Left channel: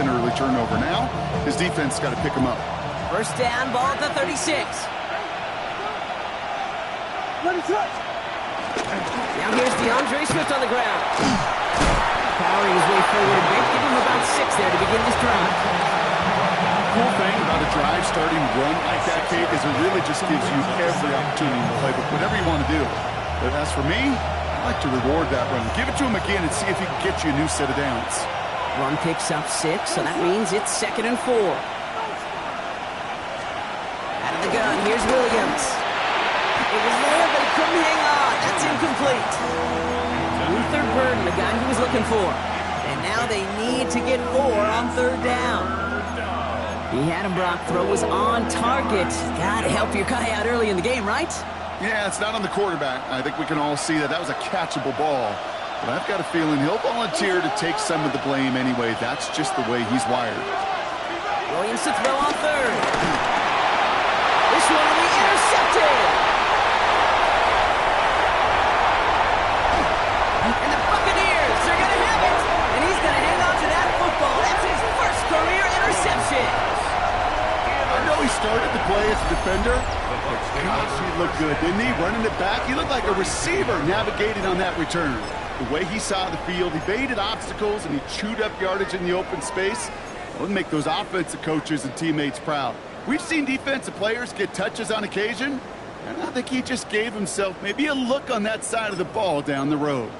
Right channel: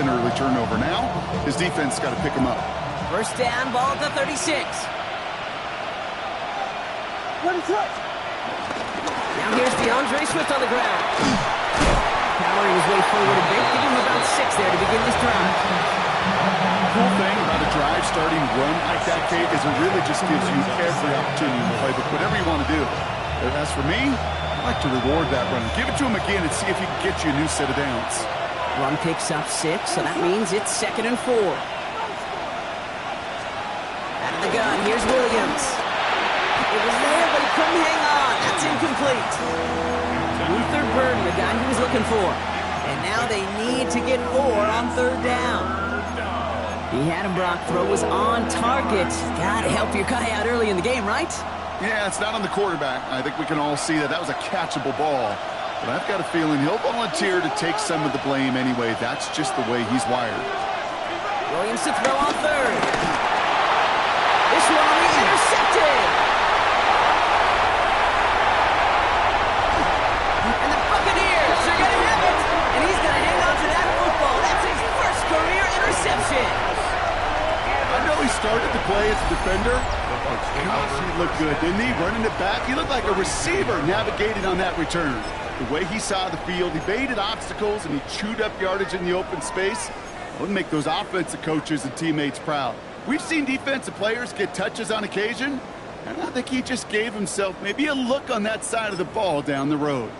an early turnover. Now, his defense got to pick him up. First down, ball at the 36. Now here's DeAndre Swift on the ground. Powering his way forward a bit, give him about 6 there to begin this drive. Cool thing about a drive starting run like that, Kate, is it really just gives you every opportunity in the playbook, whatever you want to do. But as for me, I like to reward that run. Give it to him again and see if he can get you a new set of downs. Run picks up 6, so that means it's 2nd and 4. Out of the gun, here's Williams. It was there, but he couldn't hang on. That's incomplete. Luther Burden, the guy he was looking for. And now they need to get 4 on 3rd down. He had him, Brock. Throw was on target. Gotta help your guy out early in the game, right? Yeah, it's not on the quarterback. I think we can all see that that was a catchable ball. But I've got a feeling he'll volunteer to take some of the blame anyway. That's just the way he's wired. Williams to throw on 3rd. This one will be intercepted. And the Buccaneers are going to have it. And he's going to hang on to that football. That's his first career interception. I know he started to play as a defender. Gosh, he looked good, didn't he? Running it back. He looked like a receiver navigating on that return. The way he saw the field, he baited obstacles, and he chewed up yardage in the open space. It would make those offensive coaches and teammates proud. We've seen defensive players get touches on occasion, and I think he just gave himself maybe a look on that side of the ball down the road.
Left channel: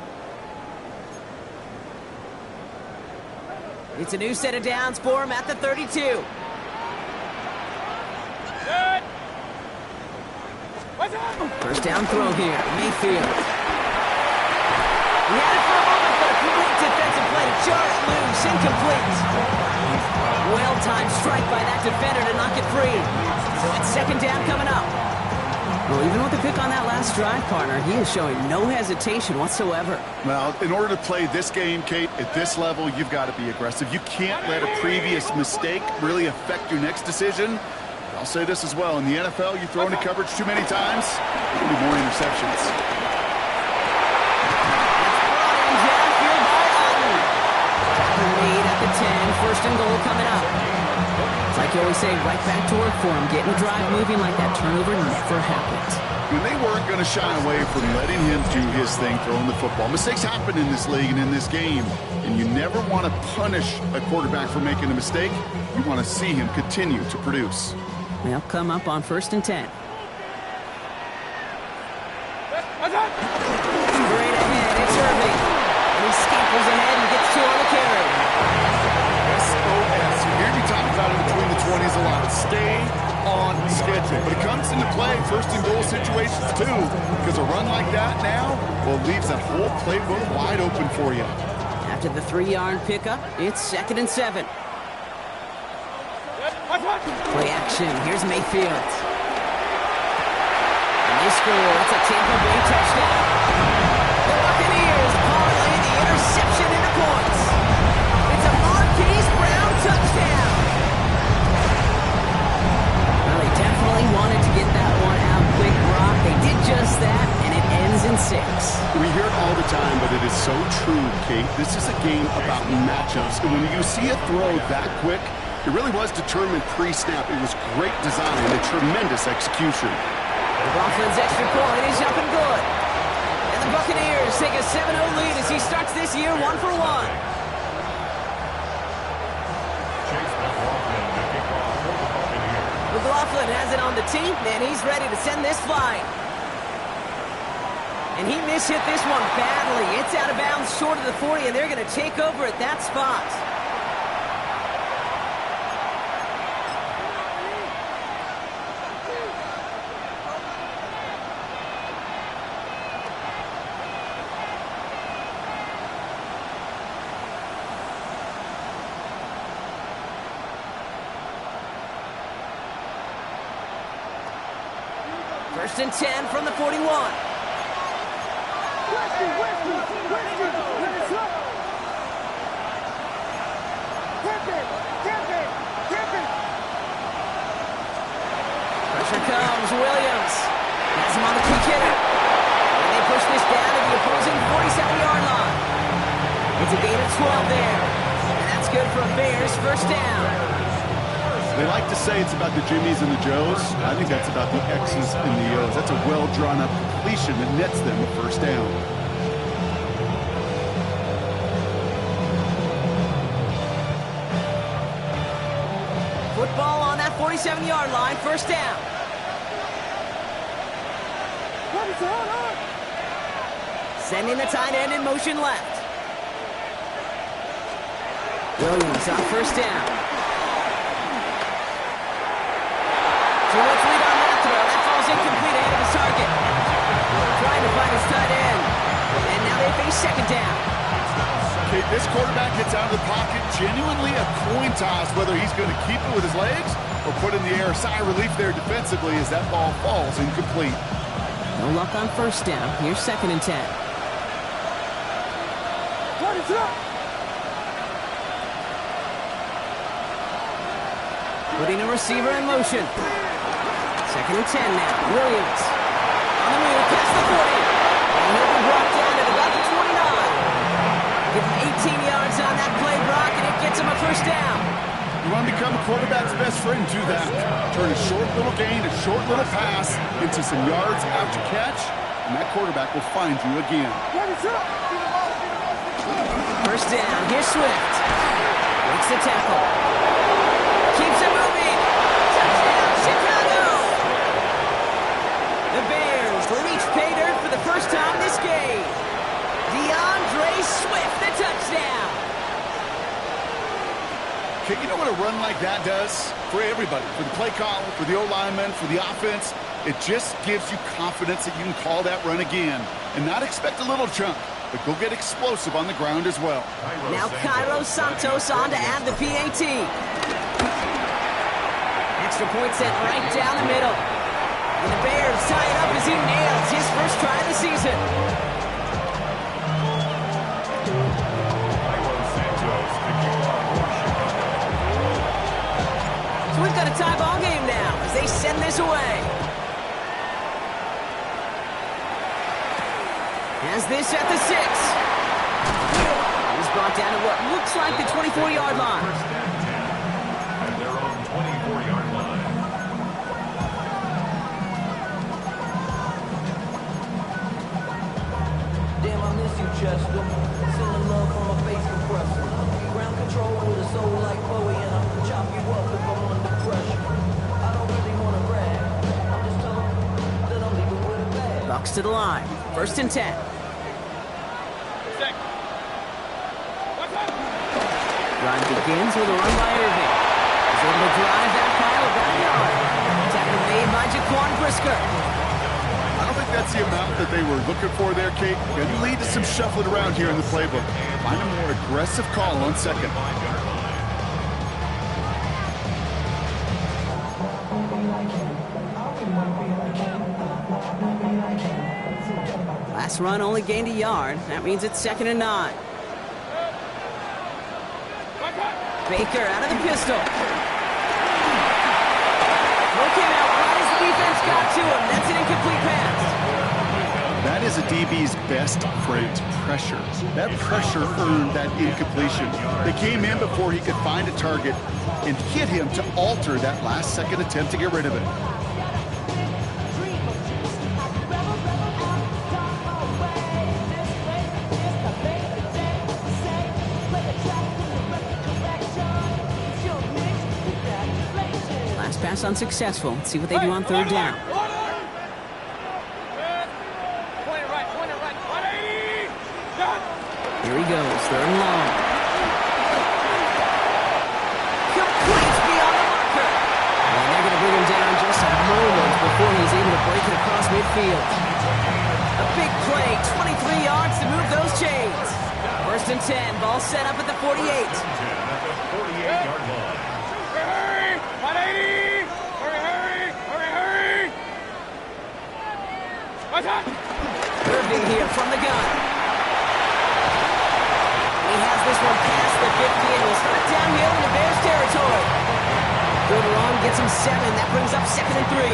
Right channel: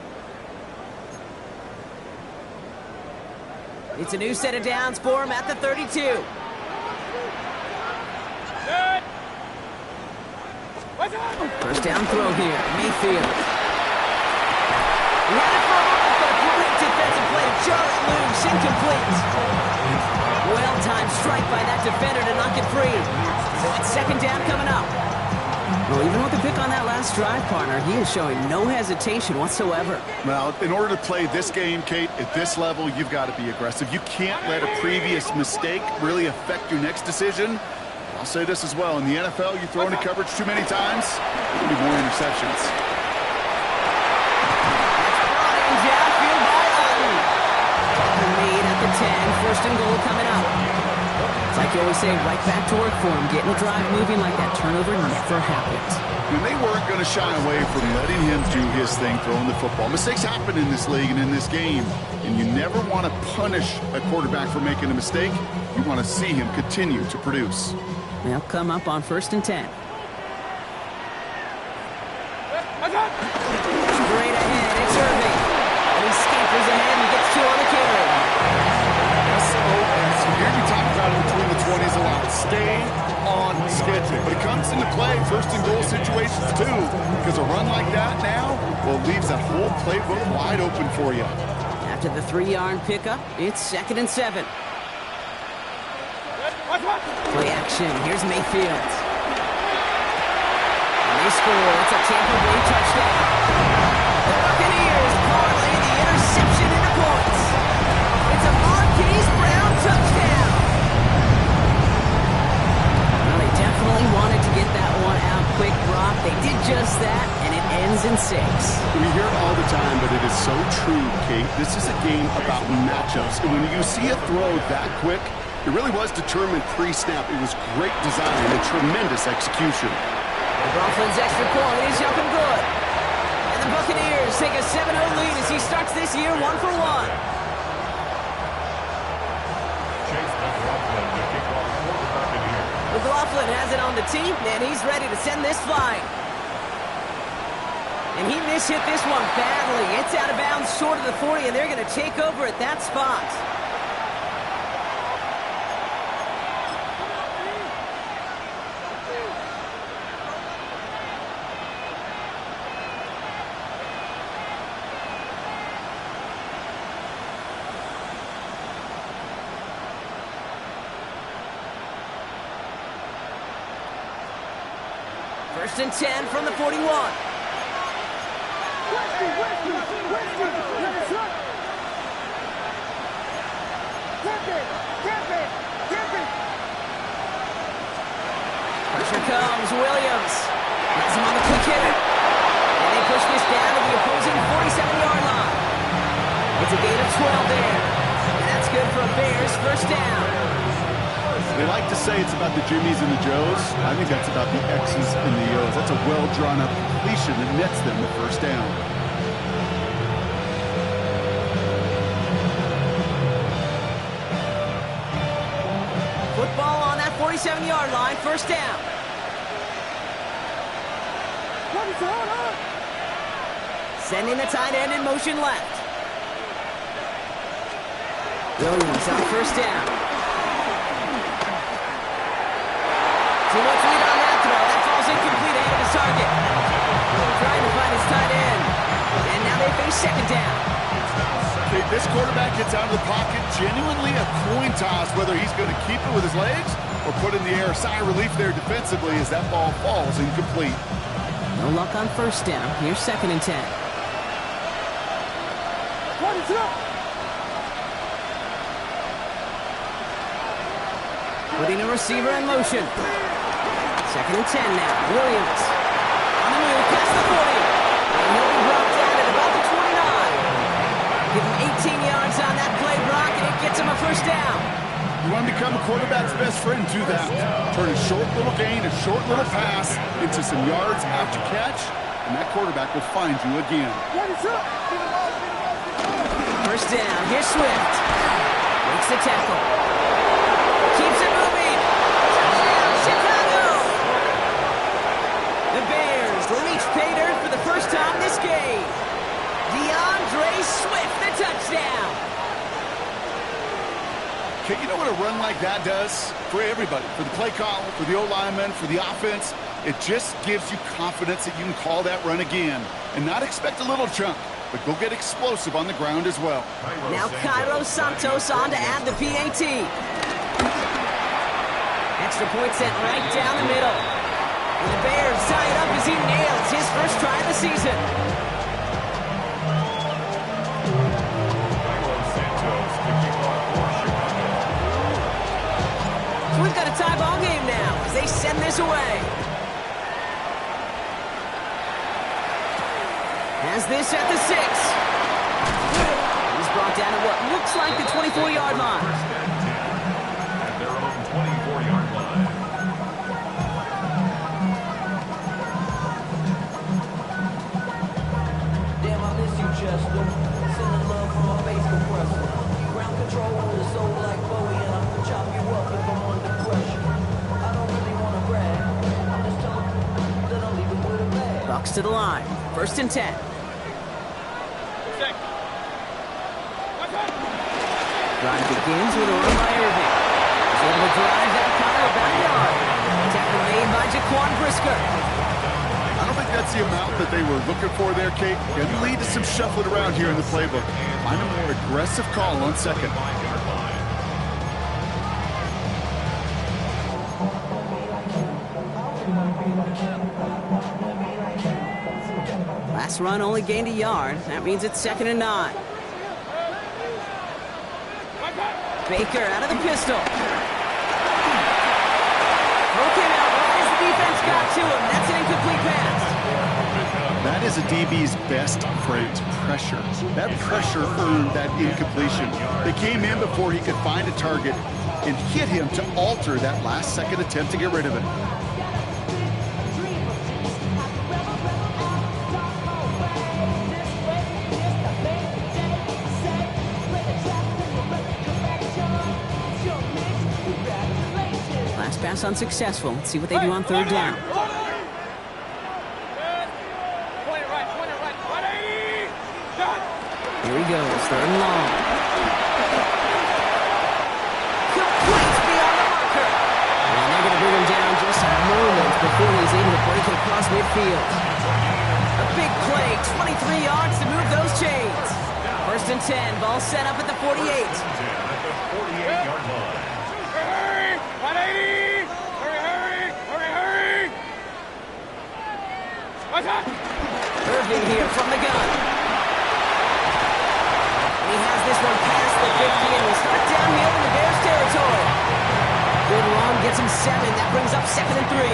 It's a new set of downs for him at the 32. First down throw here, Mayfield. He had it for a moment, but a great defensive play to jar it loose, incomplete. Well-timed strike by that defender to knock it free. So it's 2nd down coming up. Well, even with the pick on that last drive, partner, he is showing no hesitation whatsoever. Well, in order to play this game, Kate, at this level, you've got to be aggressive. You can't let a previous mistake really affect your next decision. I'll say this as well. In the NFL, you throw into coverage too many times, there'll be more interceptions. It's brought in downfield by Otten. Tackle made at the 10. 1st and goal coming up. It's like you always say, right back to work for him. Getting the drive moving like that turnover never happened. And they weren't going to shy away from letting him do his thing, throwing the football. Mistakes happen in this league and in this game. And you never want to punish a quarterback for making a mistake. You want to see him continue to produce. They'll come up on 1st and 10. Straight ahead, it's Irving. And he scampers ahead and gets 2 on the carry. SOS. You hear me talk about it between the 20s a lot. Stay on schedule. But it comes into play 1st and goal situations too. Because a run like that now, well, leaves that whole playbook wide open for you. After the 3-yard pickup, it's 2nd and 7. Play action. Here's Mayfield. And they score. It's a Tampa Bay touchdown. The Buccaneers parlay the interception into points. It's a Marquise Brown touchdown. Well, they definitely wanted to get that one out quick, Brock. They did just that, and it ends in 6. We hear it all the time, but it is so true, Kate. This is a game about matchups. And when you see a throw that quick, it really was determined pre-snap. It was great design and tremendous execution. McLaughlin's extra point is up and good. And the Buccaneers take a 7-0 lead as he starts this year 1 for 1. McLaughlin has it on the tee, and he's ready to send this flying. And he mishit this one badly. It's out of bounds short of the 40, and they're going to take over at that spot. First and 10 from the 41. Pressure comes, Williams. Has him on the quick hitter. And they push this down to the opposing 47-yard line. It's a gain of 12 there. And that's good for a Bears first down. They like to say it's about the Jimmies and the Joes. I think that's about the X's and the O's. That's a well-drawn-up completion that nets them a first down. Football on that 47-yard line, first down. Sending the tight end in motion left. Williams on first down. Too much lead on that throw. That falls incomplete ahead of his target. Trying to find his tight end. And now they face second down. Okay, this quarterback gets out of the pocket, genuinely a coin toss whether he's going to keep it with his legs or put in the air. Sigh of relief there defensively as that ball falls incomplete. No luck on first down. Here's second and 10. Putting a receiver in motion. Second and 10 now. Williams on the move past the 40. And he'll be brought down at about the 29. Give him 18 yards on that play, Brock, and it gets him a first down. You want to become a quarterback's best friend, do that. Turn a short little gain, a short little pass into some yards after catch, and that quarterback will find you again. First down, here's Swift. Breaks the tackle. Keeps it moving. Touchdown, Chicago! The Bears reach pay dirt for the first time this game. DeAndre Swift, the touchdown. Okay, you know what a run like that does? For everybody, for the play caller, for the O-lineman, for the offense, it just gives you confidence that you can call that run again and not expect a little chunk, but go get explosive on the ground as well. Now Cairo Santos on to add the PAT. Extra point sent right down the middle. And the Bears tie it up as he nails his first try of the season. So we've got a tie ball game now as they send this away. Has this at the 6. He's brought down at what looks like the 24-yard line. First and 10 at their own 24-yard line. Damn, I miss you, Chester. Sending love from my face compressor. Ground control with a soul like Bowie, and I'll chop you up if I'm under pressure. I don't really want to brag. I'm just telling you that I'm leaving with a bag. Bucks to the line. First and 10. Drive begins with a run by Irving. He's able to drive that pile about a yard. Tackle made by Jaquan Brisker. I don't think that's the amount that they were looking for there, Kate. Going to lead to some shuffling around here in the playbook. Find a more aggressive call on second. Last run only gained a yard. That means it's second and 9. Baker out of the pistol. Throw came out right as the defense got to him. That's an incomplete pass. That is a DB's best friend, pressure. That pressure earned that incompletion. They came in before he could find a target and hit him to alter that last-second attempt to get rid of it. Pass unsuccessful. Let's see what they do on third down. Here he goes, third and long. Complete beyond the marker. And they're going to bring him down just a moment before he's able to break it across midfield. A big play, 23 yards to move those chains. First and 10, ball set up at the 48. At the 48-yard line. Hurry! 180! Hurry! What's that? Irving here from the gun. And he has this one past the 50 and will start downhill into Bears territory. Good run, gets him 7. That brings up second and 3.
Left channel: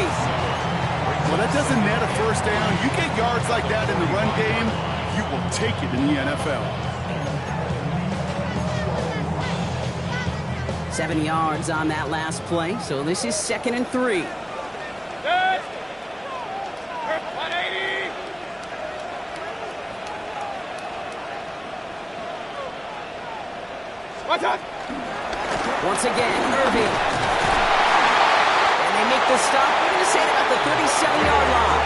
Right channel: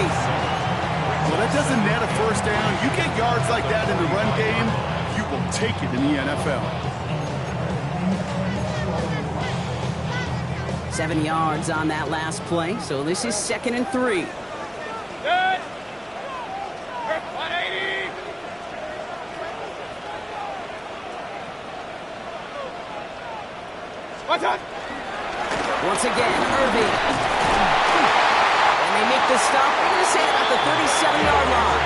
Well, that doesn't net a first down. You get yards like that in the run game, you will take it in the NFL. 7 yards on that last play, so this is 2nd and 3. Good. 180. What's up? Once again, Irving. And they make the stop. We're going to say it about the 37-yard line.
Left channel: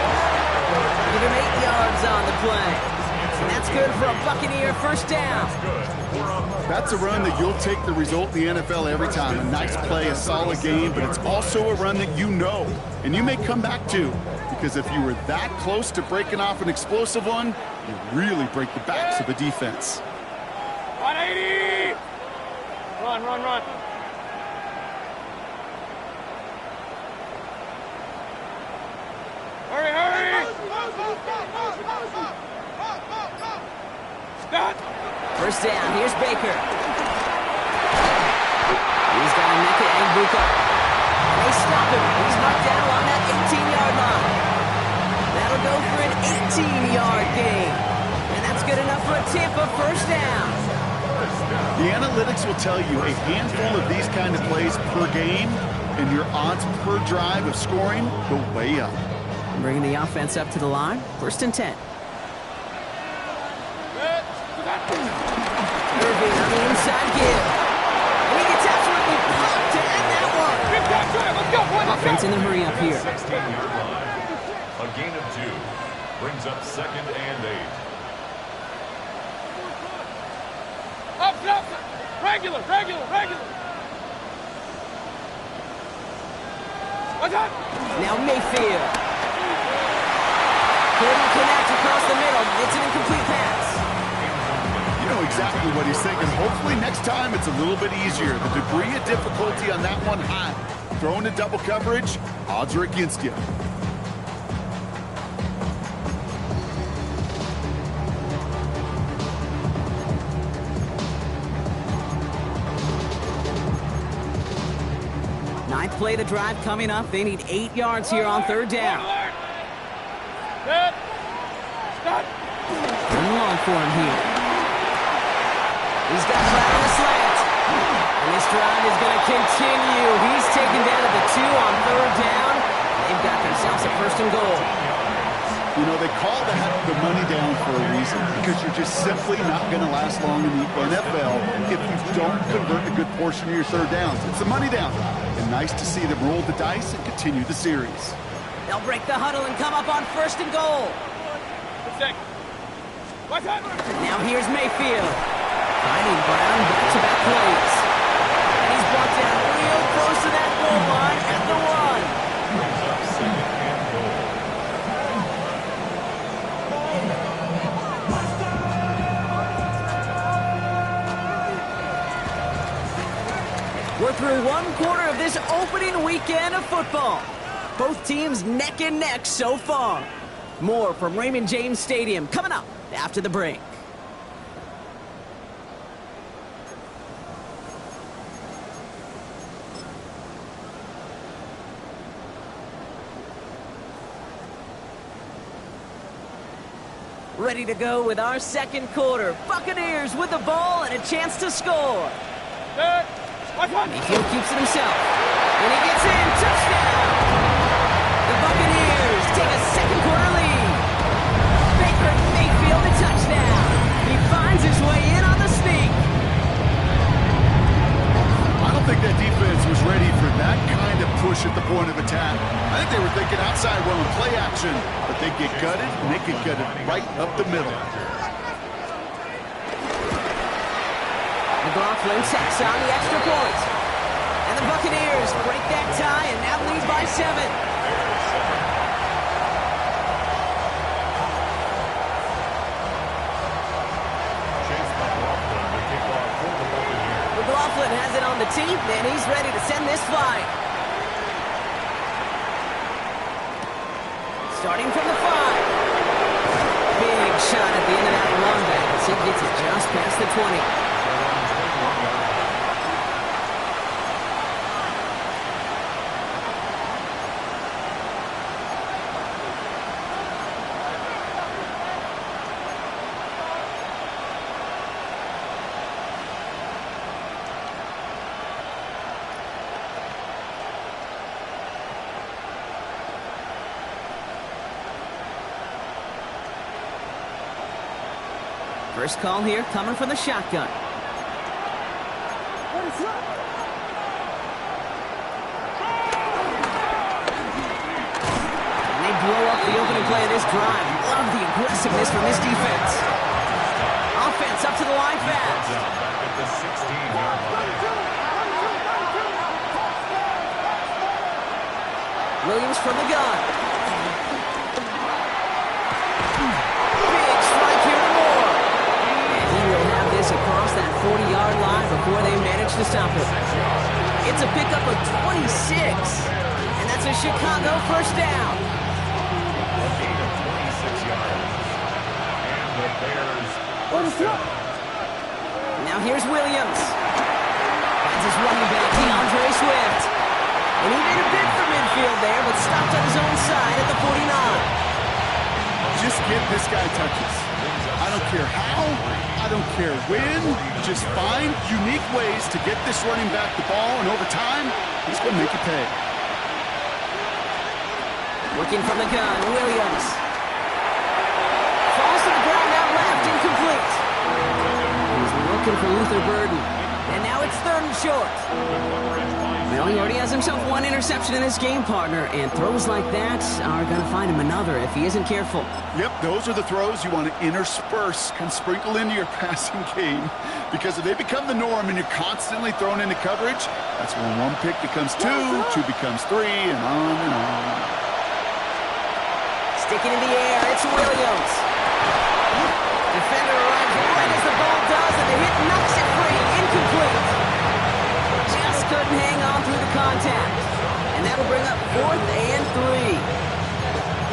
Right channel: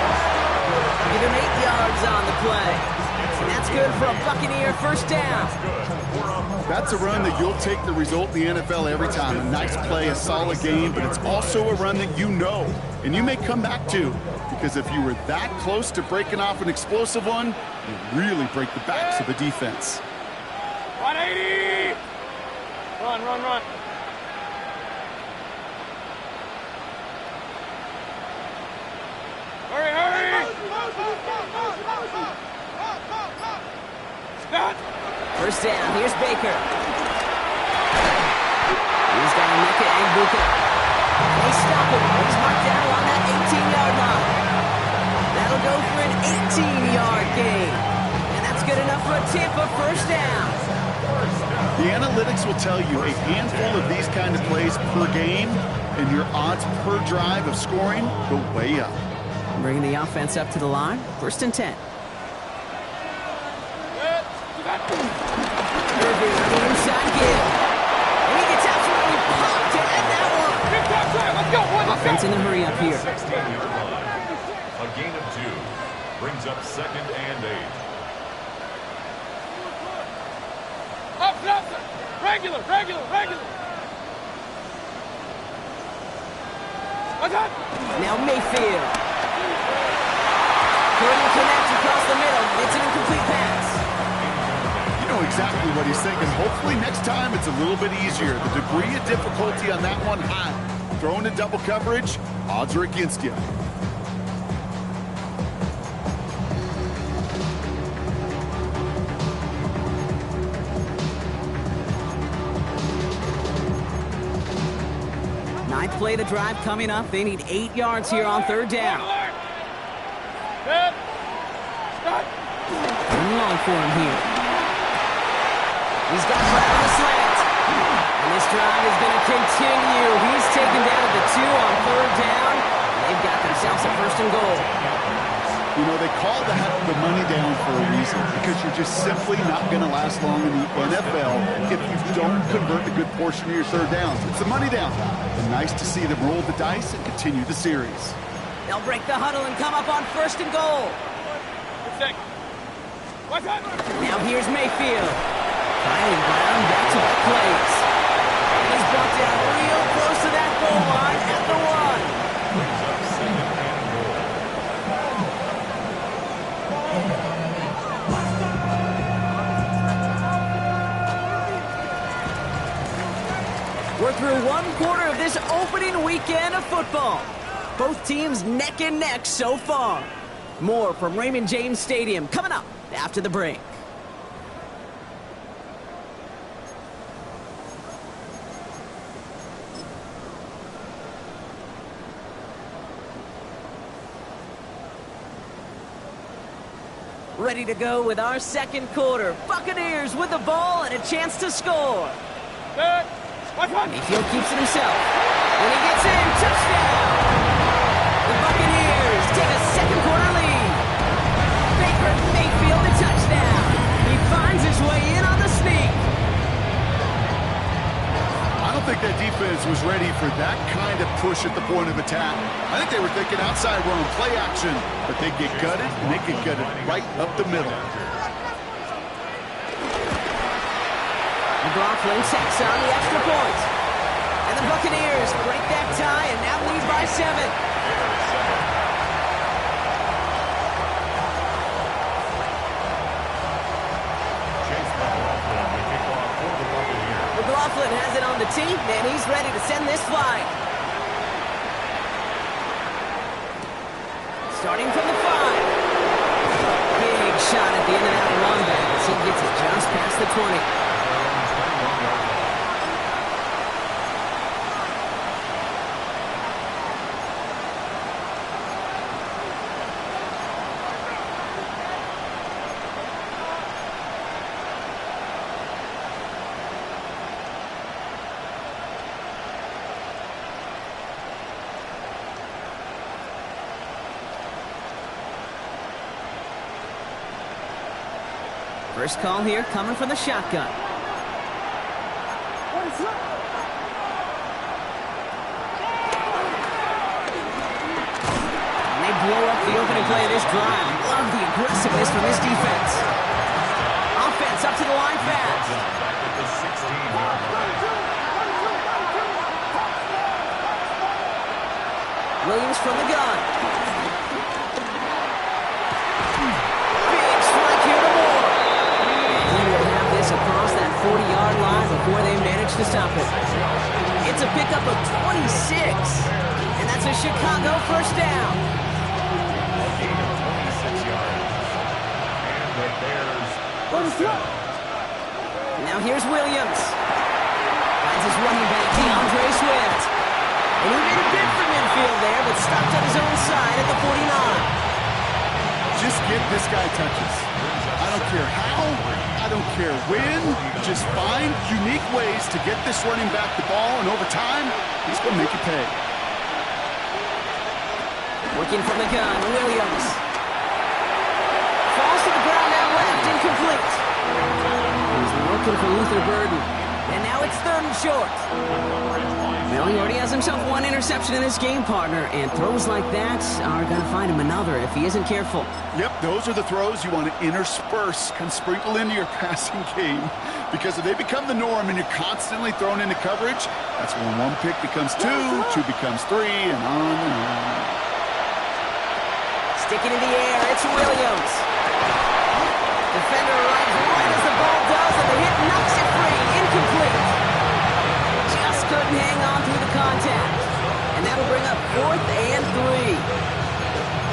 Give him 8 yards on the play. And that's good for a Buccaneer first down. That's a run that you'll take the result in the NFL every time. A nice play, a solid game, but it's also a run that you know, and you may come back to, because if you were that close to breaking off an explosive one, you really break the backs of the defense. 180. Run, run, run. Hurry, hurry. Stop. First down, here's Baker. He's got a Mecca Angbuka. And they stop him. He's marked down along that 18-yard line. That'll go for an 18-yard gain. And that's good enough for a Tampa first down. The analytics will tell you a handful of these kind of plays per game, and your odds per drive of scoring go way up. Bringing the offense up to the line. 1st and 10. Irving on the inside give. And he gets absolutely popped to end that one. Big time try. Let's go, boy. Let's Offense go. in the hurry up here. 16-yard line. A gain of 2 brings up 2nd and 8. Up, up. Regular, regular, regular. What's up? Now Mayfield. Couldn't connect across the middle. It's an incomplete pass. You know exactly what he's thinking. Hopefully next time it's a little bit easier. The degree of difficulty on that one high. Throwing in double coverage, odds are against you. Ninth play of the drive coming up. They need 8 yards here on 3rd down. Good. Stop. Third and long for him here. He's got right on the slant. And this drive is going to continue. He's taken down at the 2 on 3rd down. They've got themselves a 1st and goal. You know, they call that the money down for a reason, because you're just simply not going to last long in the NFL if you don't convert a good portion of your 3rd downs. It's the money down. And nice to see them roll the dice and continue the series. They'll break the huddle and come up on 1st and goal. What's up? Now here's Mayfield. Finding Brown back-to-back plays. And he's brought down real close to that goal line at the 1. Brings up 2nd and goal. We're through 1 quarter of this opening weekend of football. Both teams neck and neck so far. More from Raymond James Stadium coming up after the break. Ready to go with our 2nd quarter. Buccaneers with the ball and a chance to score. Good. What's up? Mayfield keeps it himself. And he gets in. Touchdown! The Buccaneers take a 2nd quarter lead. Baker Mayfield a touchdown. He finds his way in on the sneak. I don't think that defense was ready for that kind of push at the point of attack. I think they were thinking outside run, play action, but they get gutted, and they get gutted right up the middle. McLaughlin sets on the extra point. And the Buccaneers break that tie and now lead by 7. Chase McLaughlin, the kickoff for the Buccaneers. McLaughlin has it on the tee, and he's ready to send this flying. Starting from the 5. Big shot at the end of that run back as he gets it just past the 20. First call here coming from the shotgun. And they blow up the opening play of this drive. Love the aggressiveness from this defense. Offense up to the line fast. Back at the 16-yard line. Williams from the gun. Big strike here to Moore. And he will have this across that 40-yard line before they manage to stop it. It's a pickup of 26. And that's a Chicago first down. A gain of 26 yards. And the Bears first down. Now here's Williams. Finds his running back, DeAndre Swift. And he made a bid for midfield there, but stopped on his own side at the 49. Just get this guy touches. I don't care how, I don't care when. Just find unique ways to get this running back the ball, and over time, he's going to make you pay. Working from the gun, Williams. Falls to the ground out left, incomplete. He's looking for Luther Burden. And now it's 3rd and short. Well, he already has himself one interception in this game, partner, and throws like that are going to find him another if he isn't careful. Yep, those are the throws you want to intersperse, kind of sprinkle into your passing game, because if they become the norm and you're constantly thrown into coverage, that's when one pick becomes two becomes three, and on and on. Sticking in the air, it's Williams. Defender arrives right as the ball does, and the hit knocks it free. Incomplete. Just couldn't hang on through the contact. And that'll bring up 4th and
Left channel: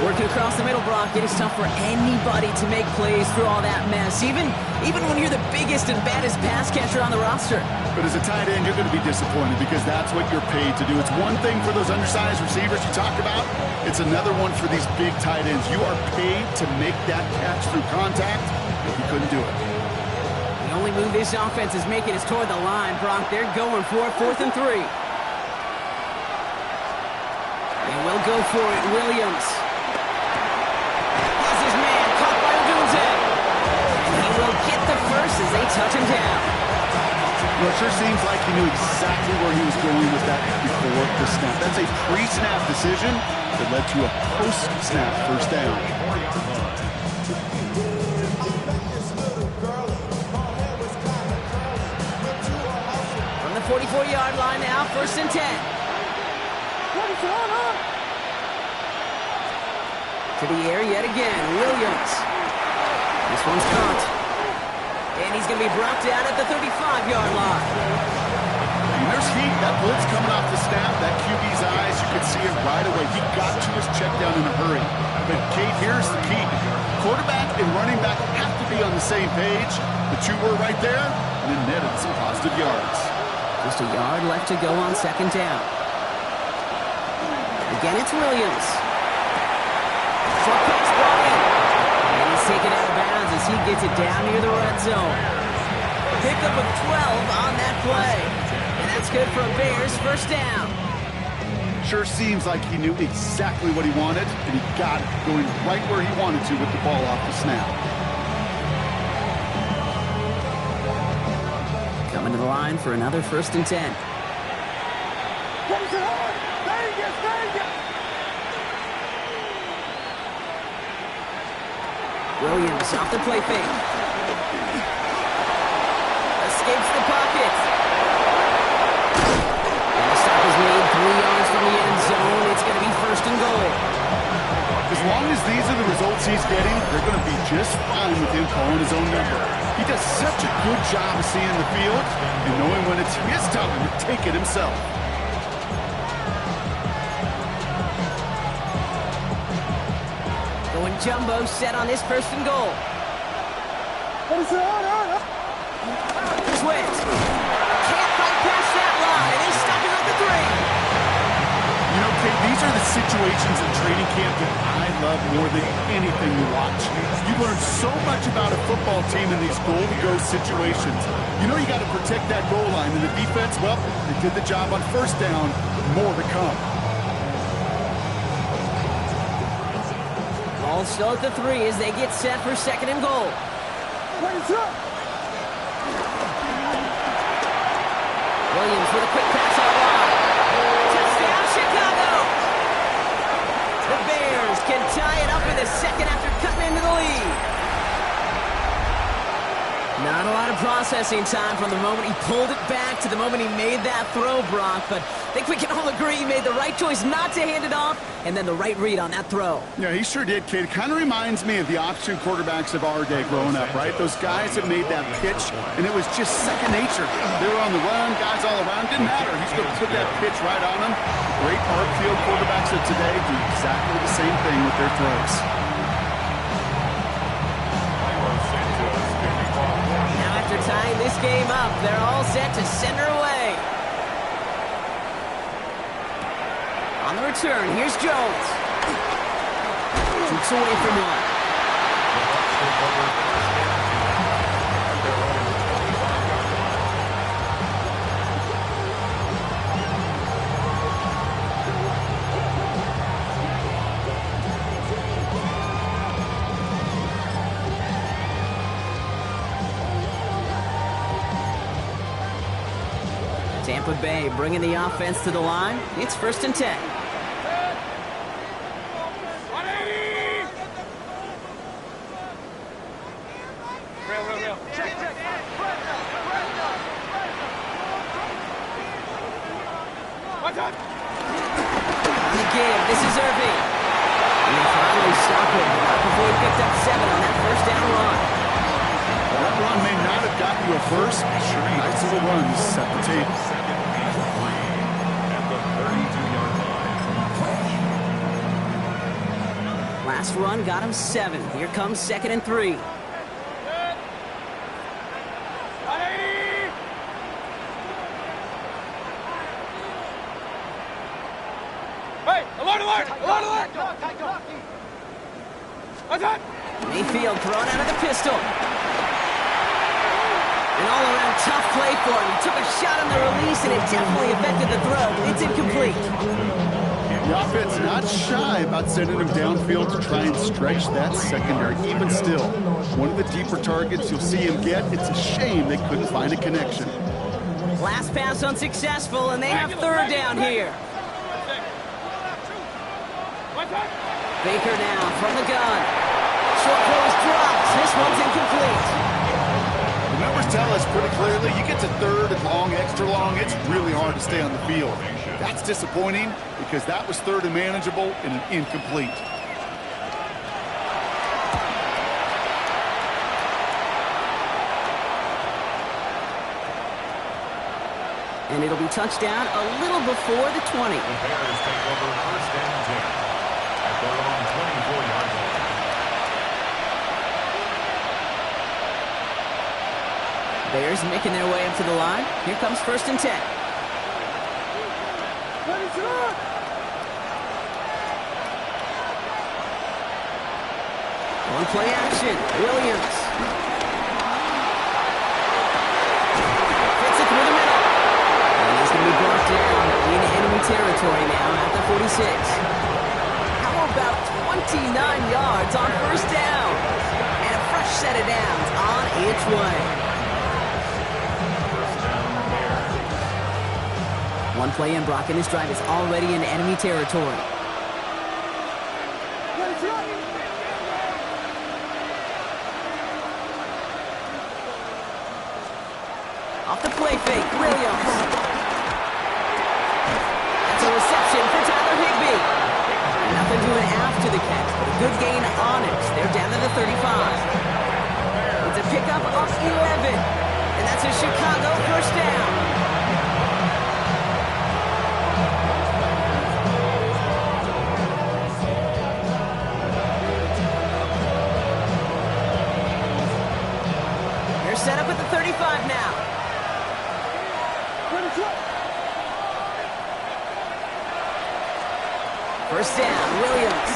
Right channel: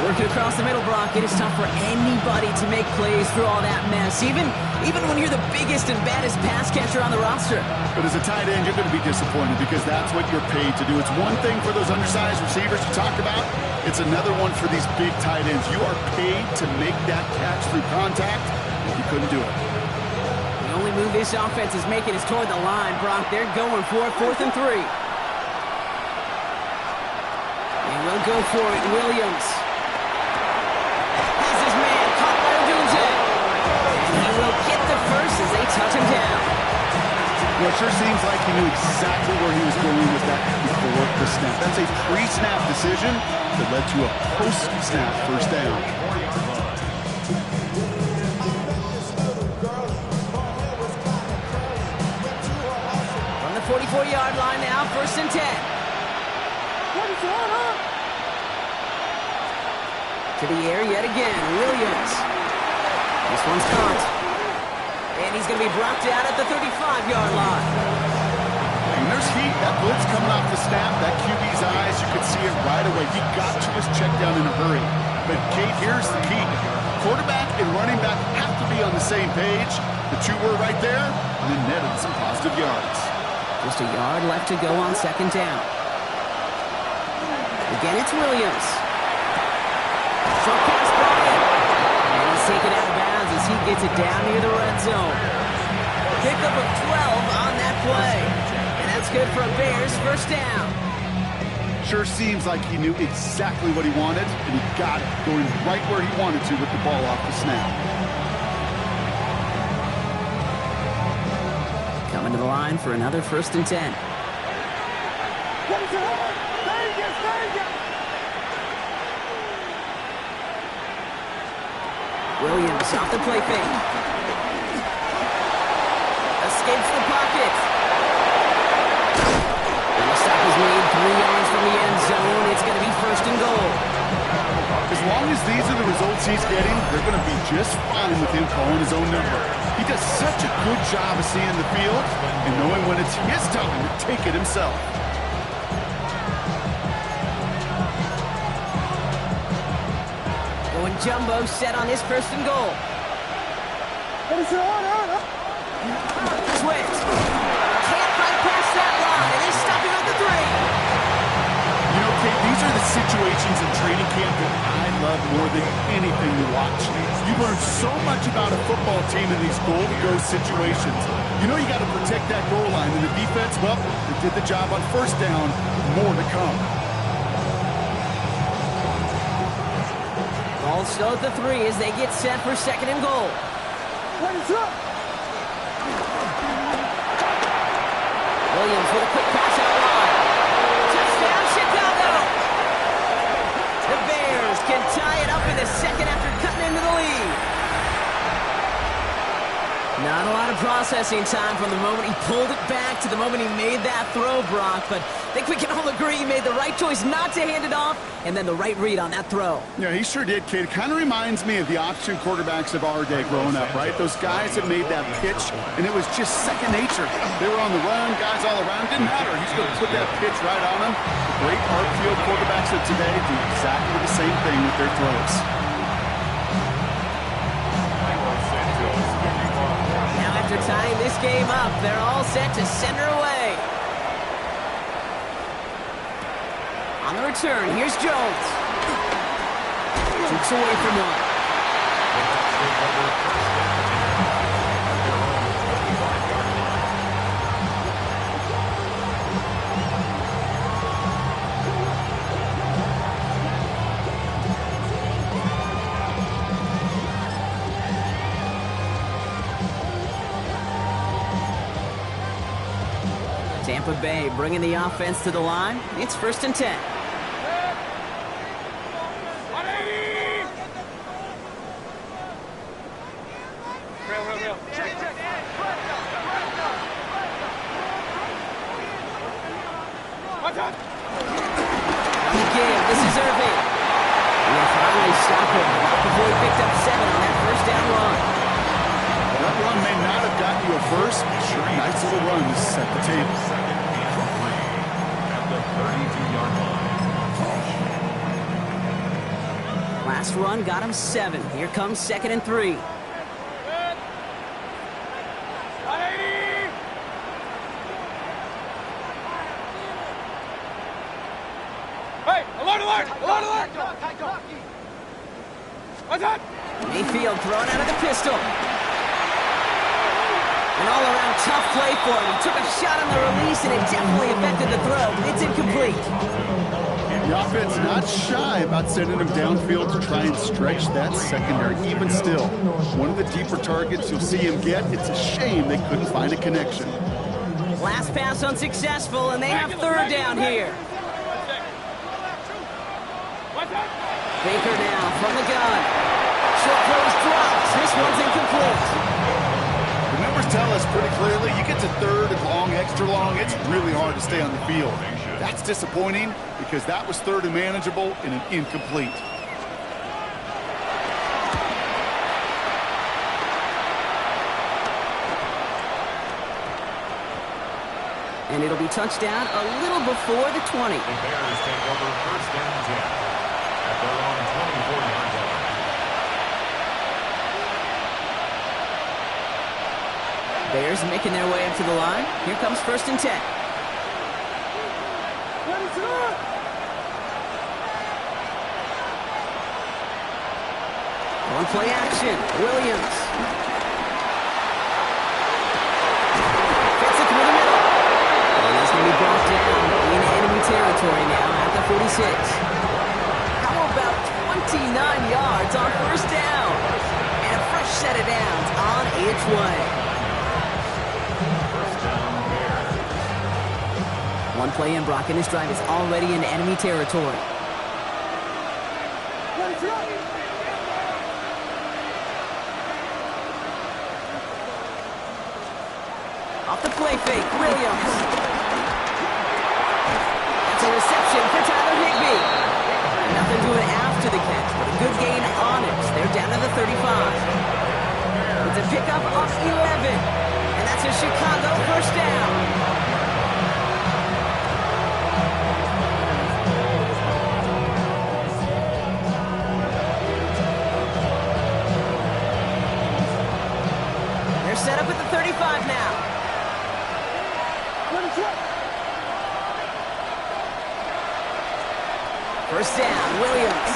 3. Working across the middle, Brock, it is tough for anybody to make plays through all that mess, even when you're the biggest and baddest pass catcher on the roster. But as a tight end, you're going to be disappointed because that's what you're paid to do. It's one thing for those undersized receivers you talk about. It's another one for these big tight ends. You are paid to make that catch through contact. If you couldn't do it. The only move this offense is making is toward the line, Brock. They're going for 4th and 3. They will go for it. Williams has his man caught by Odunze. And he will get the first as they touch him down. Well, it sure seems like he knew exactly where he was going with that before the snap. That's a pre-snap decision that led to a post-snap first down. From the 44-yard line now, 1st and 10. To the air yet again, Williams. This one's caught. And he's going to be brought down at the 35-yard line. And there's heat. That blitz coming off the snap, that QB's eyes, you could see it right away. He got to his check down in a hurry. But, Kate, here's the key. Quarterback and running back have to be on the same page. The two were right there, and then netted some positive yards. Just a yard left to go on 2nd down. Again, it's Williams. Short pass brought in. And he's taken out of bounds as he gets it down near the red zone. Pickup of 12 on that play. And that's good for a Bears first down. Sure seems like he knew exactly what he wanted, and he got it, going right where he wanted to with the ball off the snap. Coming to the line for another 1st and 10. Williams off the play fake. Escapes the pocket. And the stop is made 3 yards from the end zone. It's going to be 1st and goal. As long as these are the results he's getting, they're going to be just fine with him calling his own number. He does such a good job of seeing the field and knowing when it's his time to take it himself. Going jumbo set on this 1st and goal. Swift can't fight past that line, and they stop him at the 3. You know, Kate, these are the situations in training camp that I love more than anything to watch. You learn so much about a football team in these goal-to-go situations. You know you got to protect that goal line, and the defense, well, they did the job on 1st down. More to come. Ball still at the 3 as they get set for 2nd and goal. Williams with a quick pass out wide. Touchdown, Chicago! The Bears can tie it up in the second after cutting into the lead. Not a lot of processing time from the moment he pulled it back to the moment he made that throw, Brock. But I think we can all agree he made the right choice not to hand it off, and then the right read on that throw. Yeah, he sure did, kid. Kind of reminds me of the option quarterbacks of our day growing up, right? Those guys that made that pitch, and it was just second nature. They were on the run, guys all around. Didn't matter. He's going to put that pitch right on them. The great art field quarterbacks of today do exactly the same thing with their throws. Now after tying this game up, they're all set to send her away. On the return, here's Jones. Jukes away from one. The Bucs take over first and 10 at their own 25-yard line. Tampa Bay bringing the offense to the line. It's first and 10. On the give, this is Irving. And they finally stop him, not before he picked up 7 on that first down run. That run may not have gotten you a first. Sure, nice little run to set the table. Second and 3 at the 32-yard line. Last run got him 7. Here comes second and 3. Hey, alert, alert, alert, alert! What's that? Mayfield thrown out of the pistol. An all-around tough play for him. He took a shot on the release, and it definitely affected the throw. It's incomplete. The offense not shy about sending him downfield to try and stretch that secondary. Even still, one of the deeper targets you'll see him get. It's a shame they couldn't find a connection. Last pass unsuccessful, and they have third down here. Baker now from the gun. Short throws dropped. This one's incomplete. The numbers tell us pretty clearly, you get to third and long, extra long, it's really hard to stay on the field. That's disappointing because that was third and manageable and an incomplete. And it'll be touchdown a little before the 20. The Bears take over first and 10 at their own 24-yard line. Bears making their way up to the line. Here comes first and 10. One play action. Williams. Fits it through the middle. And he's going to be brought down in enemy territory now at the 46. How about 29 yards on first down? And a fresh set of downs on its way. One play in, Brock, and this drive is already in enemy territory. Off the play fake, Williams. That's a reception for Tyler Higbee. Nothing doing after the catch, but a good gain on it. They're down to the 35. It's a pickup of 11. And that's a Chicago first down. Set up at the 35 now. First down, Williams.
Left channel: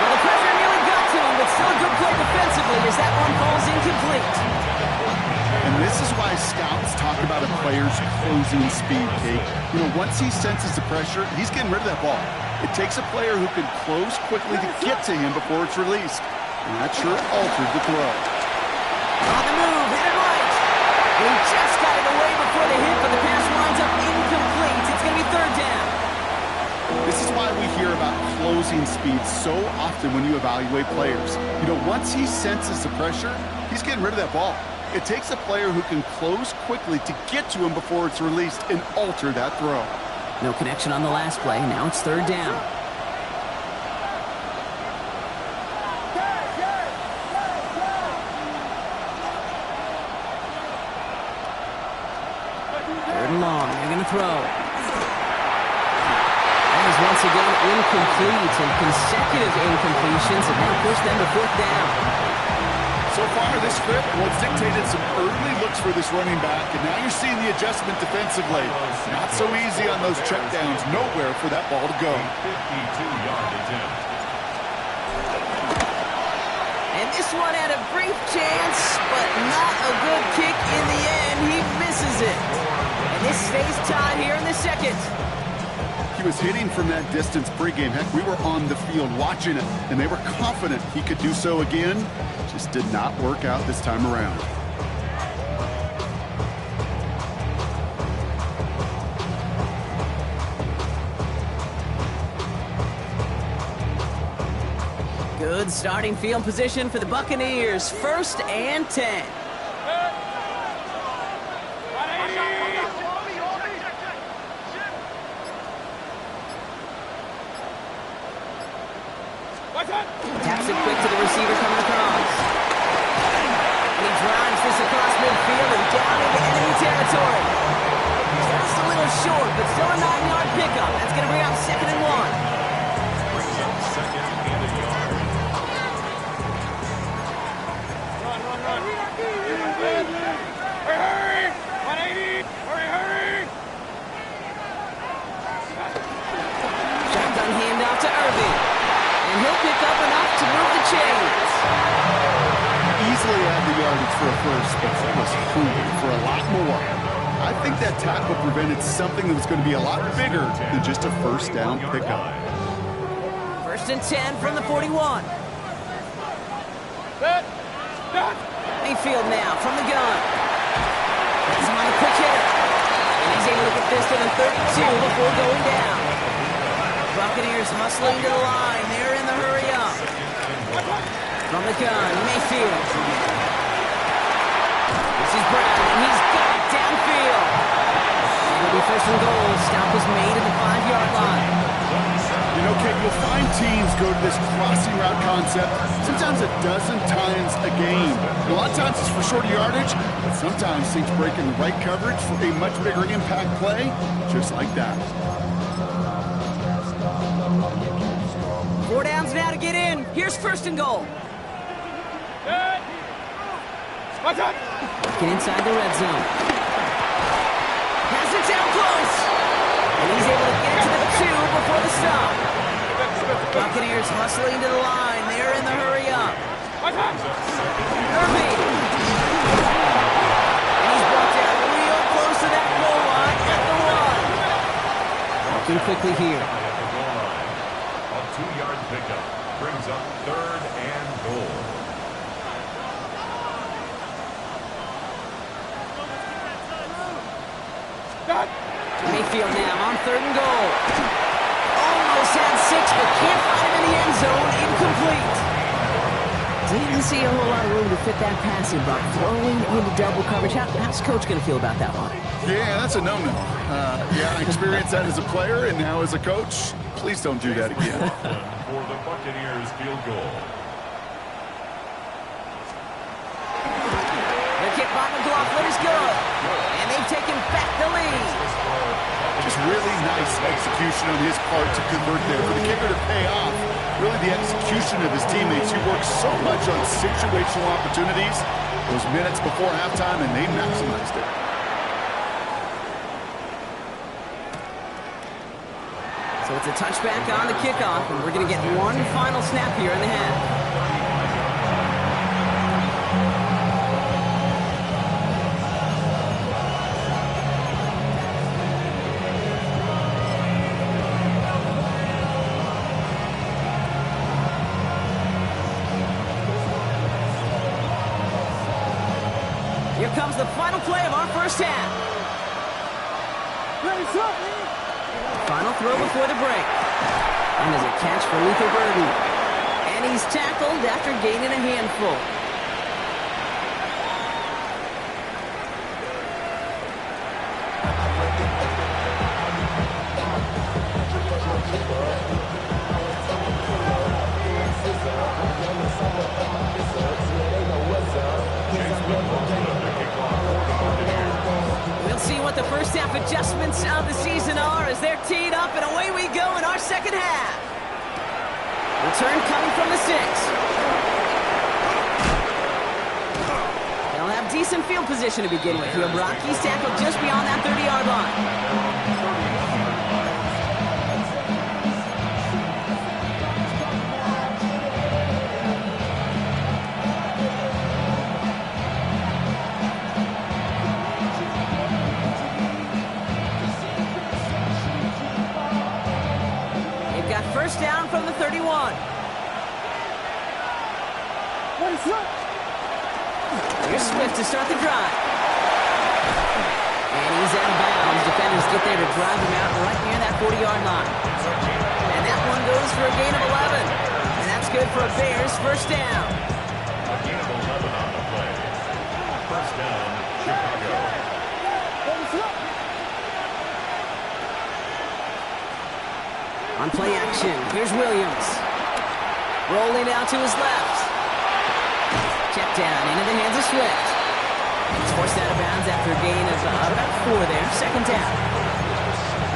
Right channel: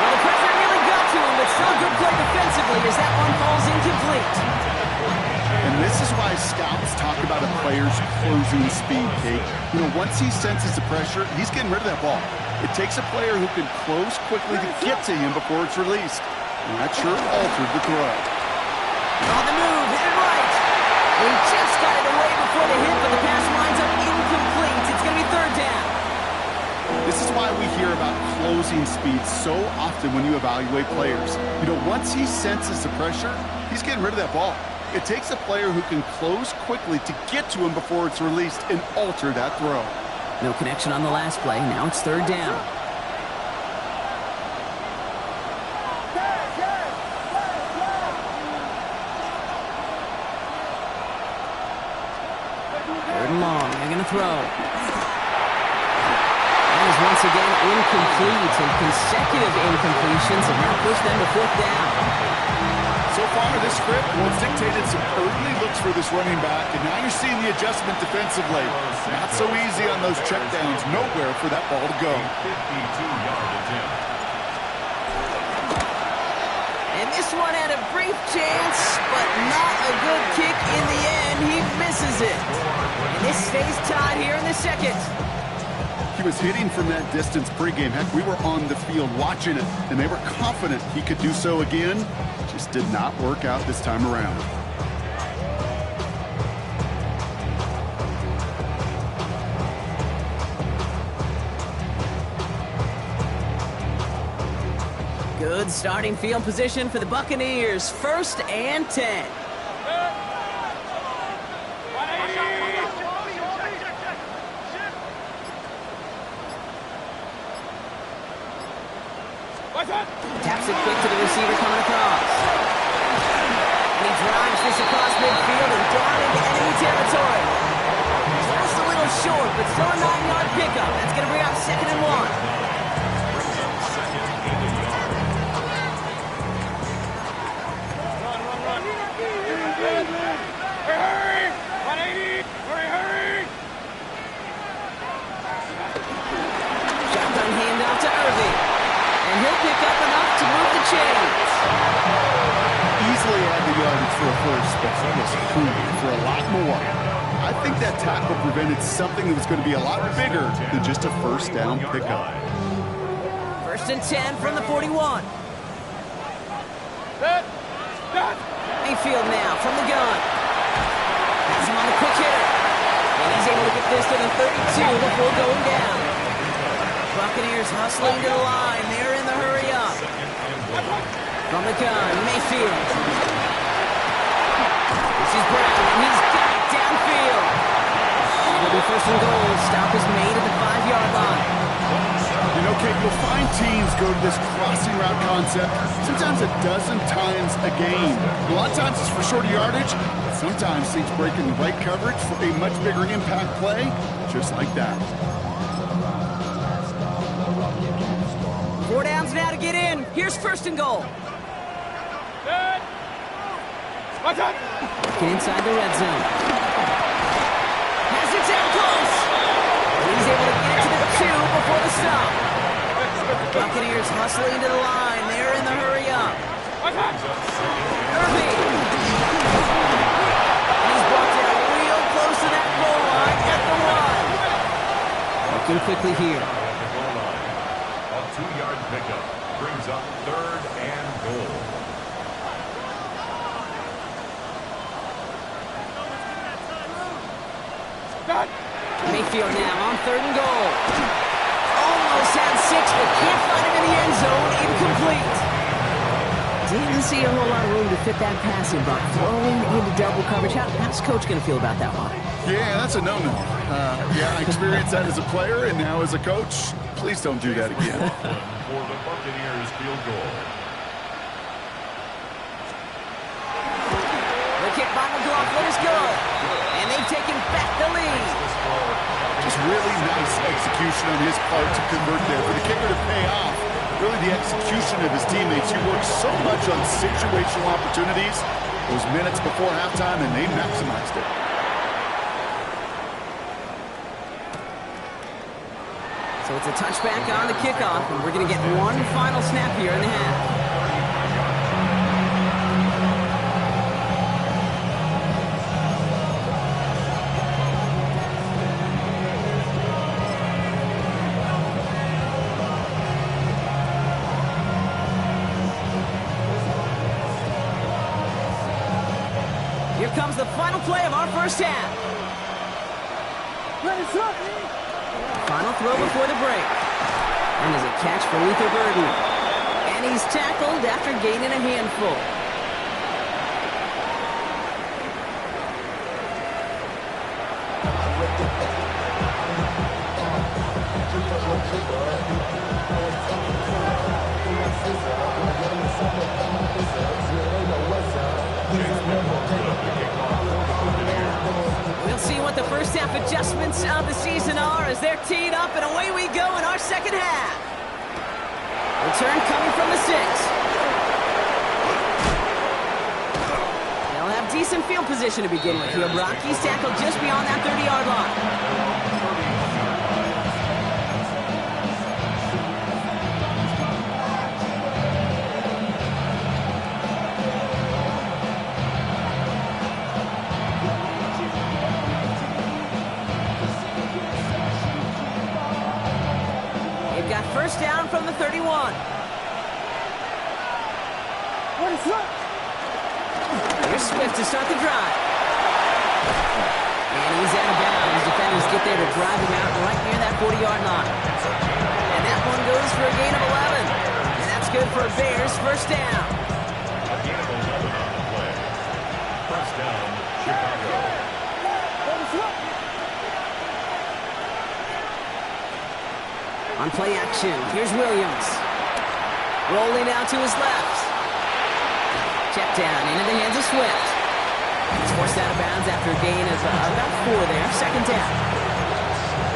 Well, the pressure nearly got to him, but still a good play defensively as that one falls incomplete. And this is why scouts talk about a player's closing speed, Kate. You know, once he senses the pressure, he's getting rid of that ball. It takes a player who can close quickly to get to him before it's released. And that sure altered the throw. And he just got it away before the hit, but the pass winds up incomplete. It's going to be third down. This is why we hear about closing speed so often when you evaluate players. You know, once he senses the pressure, he's getting rid of that ball. It takes a player who can close quickly to get to him before it's released and alter that throw. No connection on the last play. Now it's third down. Third and long. They're going to throw. That is once again incomplete, and consecutive incompletions have now pushed them to fourth down. So far, this script was dictated some early looks for this running back, and now you're seeing the adjustment defensively. Not so easy on those checkdowns. Nowhere for that ball to go. 52-yard attempt. And this one had a brief chance, but not a good kick in the end. He misses it. And this stays tied here in the second. He was hitting from that distance pregame. Heck, we were on the field watching it, and they were confident he could do so again. Just did not work out this time around. Good starting field position for the Buccaneers. 1st and 10. Taps it quick to the receiver coming across. And he drives this across midfield and down into enemy territory. Just a little short, but still a 9-yard pickup. That's going to bring up 2nd and 1. Brings up 2nd and a yard. Run. Hurry! 180! Hurry! Shotgun handoff to Irving. And he'll pick up enough to move the chains. Easily had the yardage for a first, but he was hungry for a lot more. I think that tackle prevented something that was going to be a lot bigger than just a first down pickup. 1st and 10 from the 41. Set! Mayfield now from the gun. That's him on the quick hitter. And he's able to get this to the 32 before going down. Buccaneers hustling to the line. They're in the hurry up. From the gun, Mayfield. This is Brown, and he's got it downfield. It'll be 1st and goal. Stop is made at the 5-yard line. You know, Kate, you'll find teams go to this crossing route concept sometimes a dozen times a game. A lot of times it's for shorter yardage, but sometimes things break in the right coverage for a much bigger impact play, just like that. 4 downs now to get in. Here's 1st and goal. Set! Watch out! Get inside the red zone. Has it down close. And he's able to get to the 2 before the stop. Buccaneers hustling to the line. They're in the hurry up. Watch out! Irving. And he's brought down real close to that goal line at the 1. Looking quickly here. At the goal line. A 2-yard pickup brings up 3rd and goal. Done! Mayfield now on 3rd and goal. Almost had 6, but can't find him in the end zone. Incomplete. Didn't see a whole lot of room to fit that passing, but throwing into double coverage. How's Coach going to feel about that one? Yeah, that's a no-no. Yeah, I experienced that as a player and now as a coach. Please don't do that again. For the Buccaneers field goal. The kick by McLaughlin is good. And they've taken back the lead. Just really nice execution on his part to convert there. For the kicker to pay off, really the execution of his teammates. He works so much on situational opportunities those minutes before halftime, and they maximized it. So it's a touchback on the kickoff, and we're going to get one final snap here in the half. comes the final play of our first half. Final throw before the break. And there's a catch for Luther Burden. And he's tackled after gaining a handful. We'll see what the first half adjustments of the season are as they're teed up, and away we go in our second half. Return coming from the 6. They'll have decent field position to begin with here, Brock. He's tackled just beyond that 30-yard line. Got first down from the 31. Here's Swift to start the drive. And he's out of bounds. Defenders get there to drive him out right near that 40-yard line. And that one goes for a gain of 11. And that's good for a Bears first down. A gain of 11 on the play. First down, Chicago. On play action, here's Williams. Rolling out to his left. Check down into the hands of Swift. And he's forced out of bounds after a gain of about 4 there. Second down.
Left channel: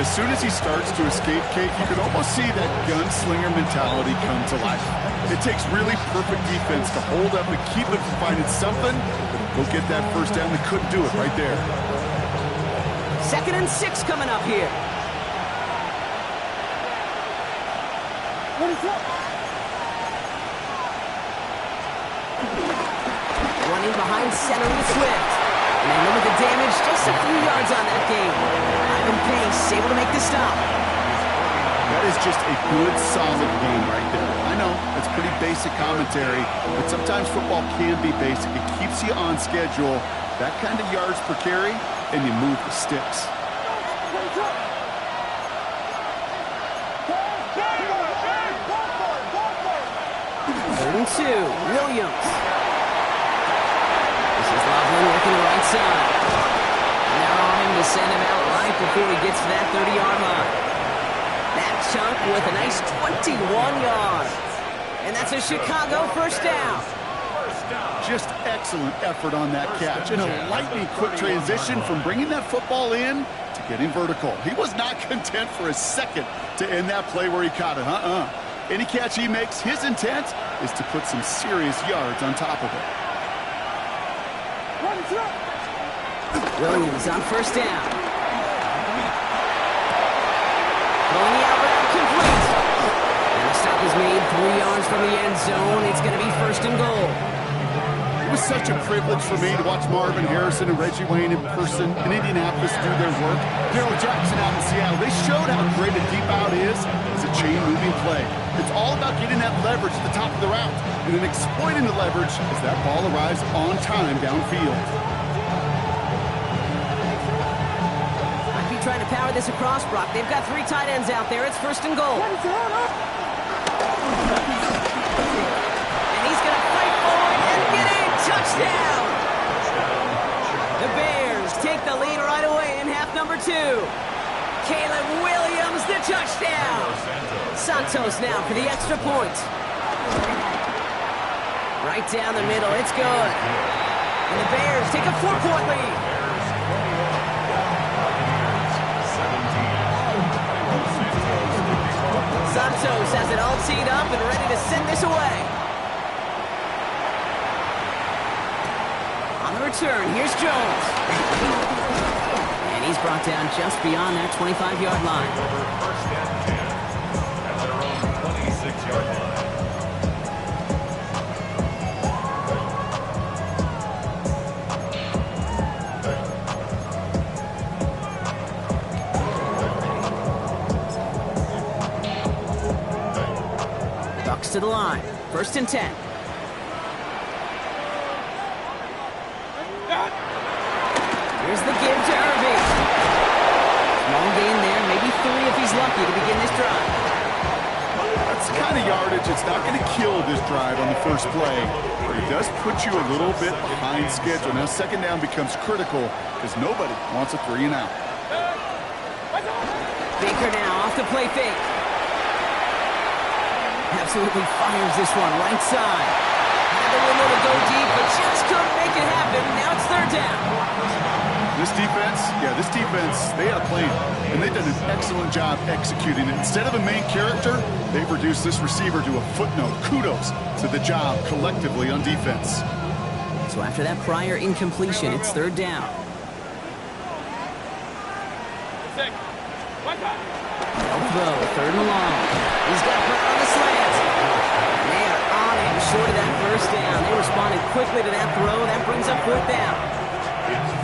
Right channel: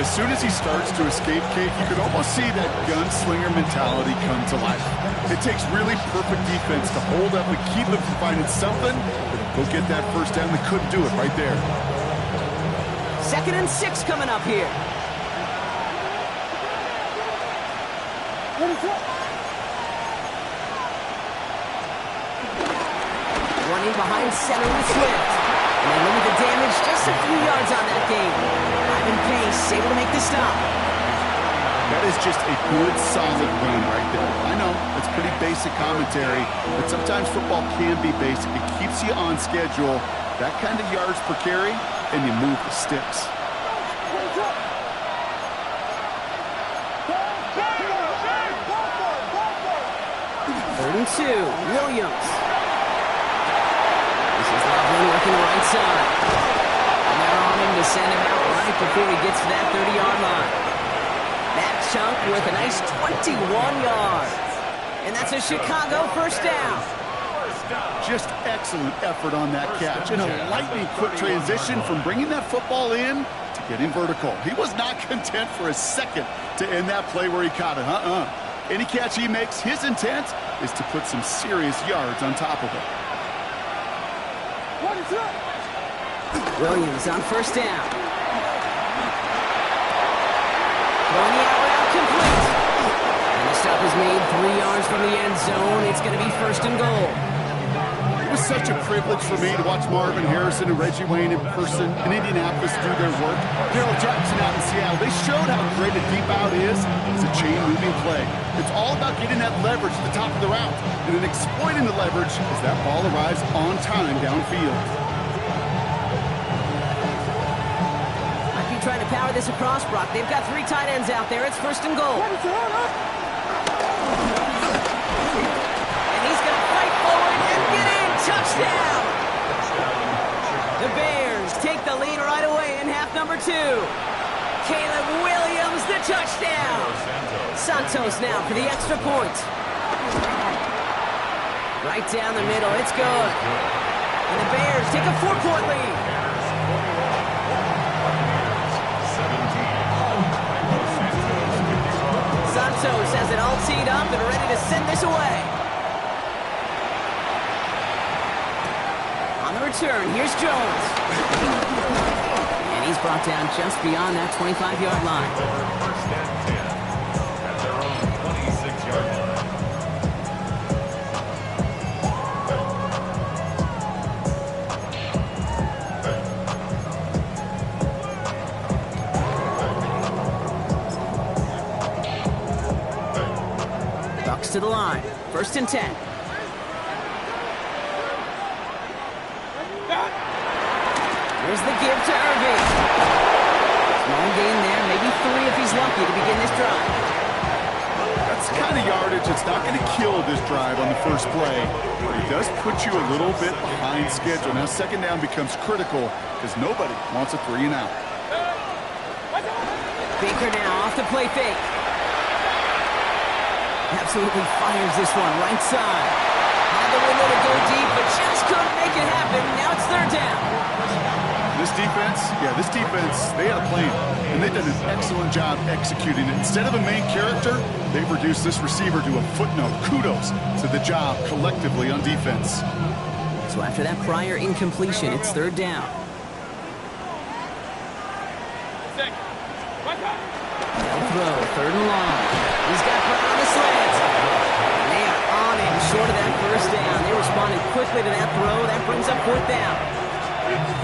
As soon as he starts to escape, Kate, you could almost see that gunslinger mentality come to life. It takes really perfect defense to hold up and keep him from finding something that'll go get that first down. They couldn't do it right there. 2nd and 6 coming up here. Running behind center with Swift. And they limit the damage just a few yards on that game. Ivan Pace able to make the stop. That is just a good, solid run right there. I know, it's pretty basic commentary, but sometimes football can be basic. It keeps you on schedule, that kind of yards per carry, and you move the sticks. Third and 2, Williams. This is Loveland working the right side. And they're on him to send him out right before he gets to that 30-yard line. That chunk with a nice 21 yards. And that's a Chicago first down. Just excellent effort on that catch. And a lightning quick transition from bringing that football in to getting vertical. He was not content for a second to end that play where he caught it. Any catch he makes, his intent is to put some serious yards on top of it. Williams on first down. Throwing the out route complete. And the stop is made 3 yards from the end zone. It's going to be first and goal. It was such a privilege for me to watch Marvin Harrison and Reggie Wayne in person in Indianapolis do their work. Darrell Jackson out in Seattle. They showed how great a deep out is as a chain-moving play. It's all about getting that leverage at the top of the route and then exploiting the leverage as that ball arrives on time downfield. Might be trying to power this across, Brock. They've got 3 tight ends out there. It's first and goal. And he's going to fight forward and get in. Touchdown! The Bears take the lead right away in half number 2. Caleb Williams, the touchdown. Santos now for the extra point. Right down the middle, it's good. And the Bears take a 4-point lead. Santos has it all teed up and ready to send this away. On the return, here's Jones. And he's brought down just beyond that 25-yard line. Over first and 10 at their own 26-yard line. Bucks to the line. First and 10. Here's the give to Irving. Small gain there, maybe 3 if he's lucky to begin this drive. That's the kind of yardage it's not going to kill this drive on the first play. But it does put you a little bit behind schedule. Now second down becomes critical because nobody wants a 3 and out. Baker now off the play fake. Absolutely fires this one right side. Had the window to go deep, but just couldn't make it happen. Now it's third down. This defense, they had a plan, and they've done an excellent job executing it. Instead of a main character, they've reduced this receiver to a footnote. Kudos to the job collectively on defense. So after that prior incompletion, it's third down. They'll throw, third and long. He's got Brown on the slant. And they are on it, short of that first down. They responded quickly to that throw. That brings up fourth down.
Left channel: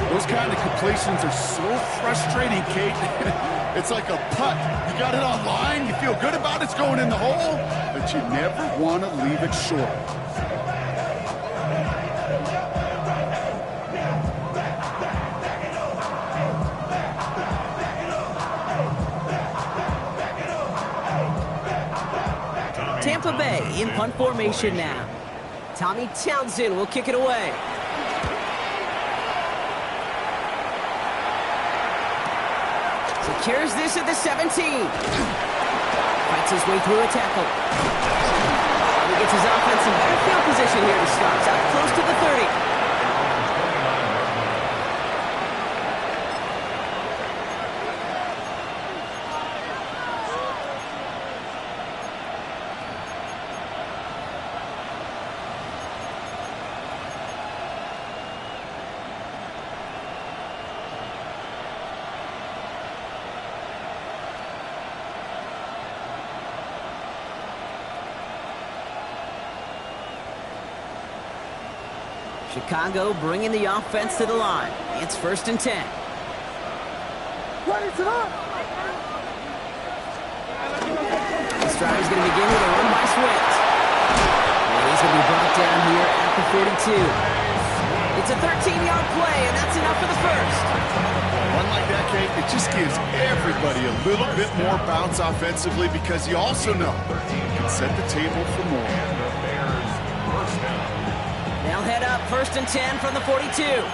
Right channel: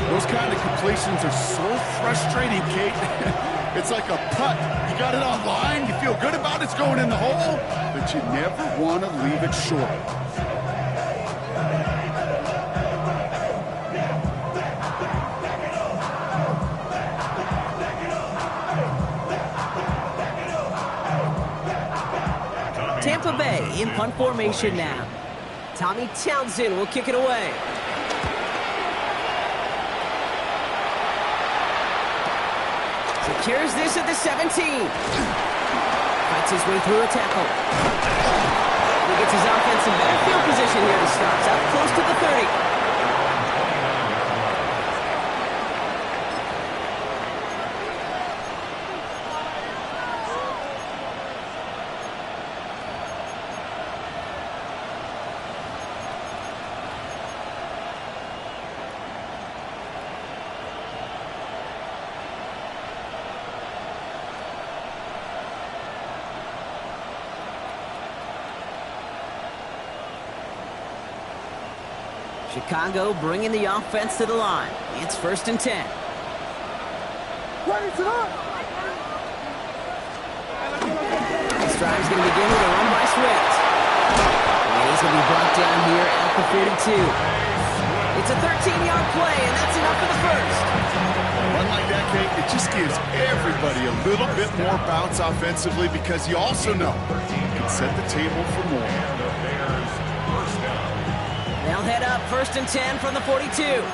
Those kind of completions are so frustrating, Kate. It's like a putt. You got it on line, you feel good about it's going in the hole, but you never want to leave it short. Tampa Bay in punt formation now. Tommy Townsend will kick it away. Secures this at the 17. Fights his way through a tackle. And he gets his offense in better field position here to start. It's up close to the 30. Chicago bringing the offense to the line. It's first and 10. This drive's going to begin with a run by Swift. And he's going to be brought down here at the 42. It's a 13-yard play, and that's enough for the first. One like that, Kate, it just gives everybody a little bit more bounce offensively because you also know you can set the table for more. And the Bears first down. They'll head up first and 10 from the 42. Here's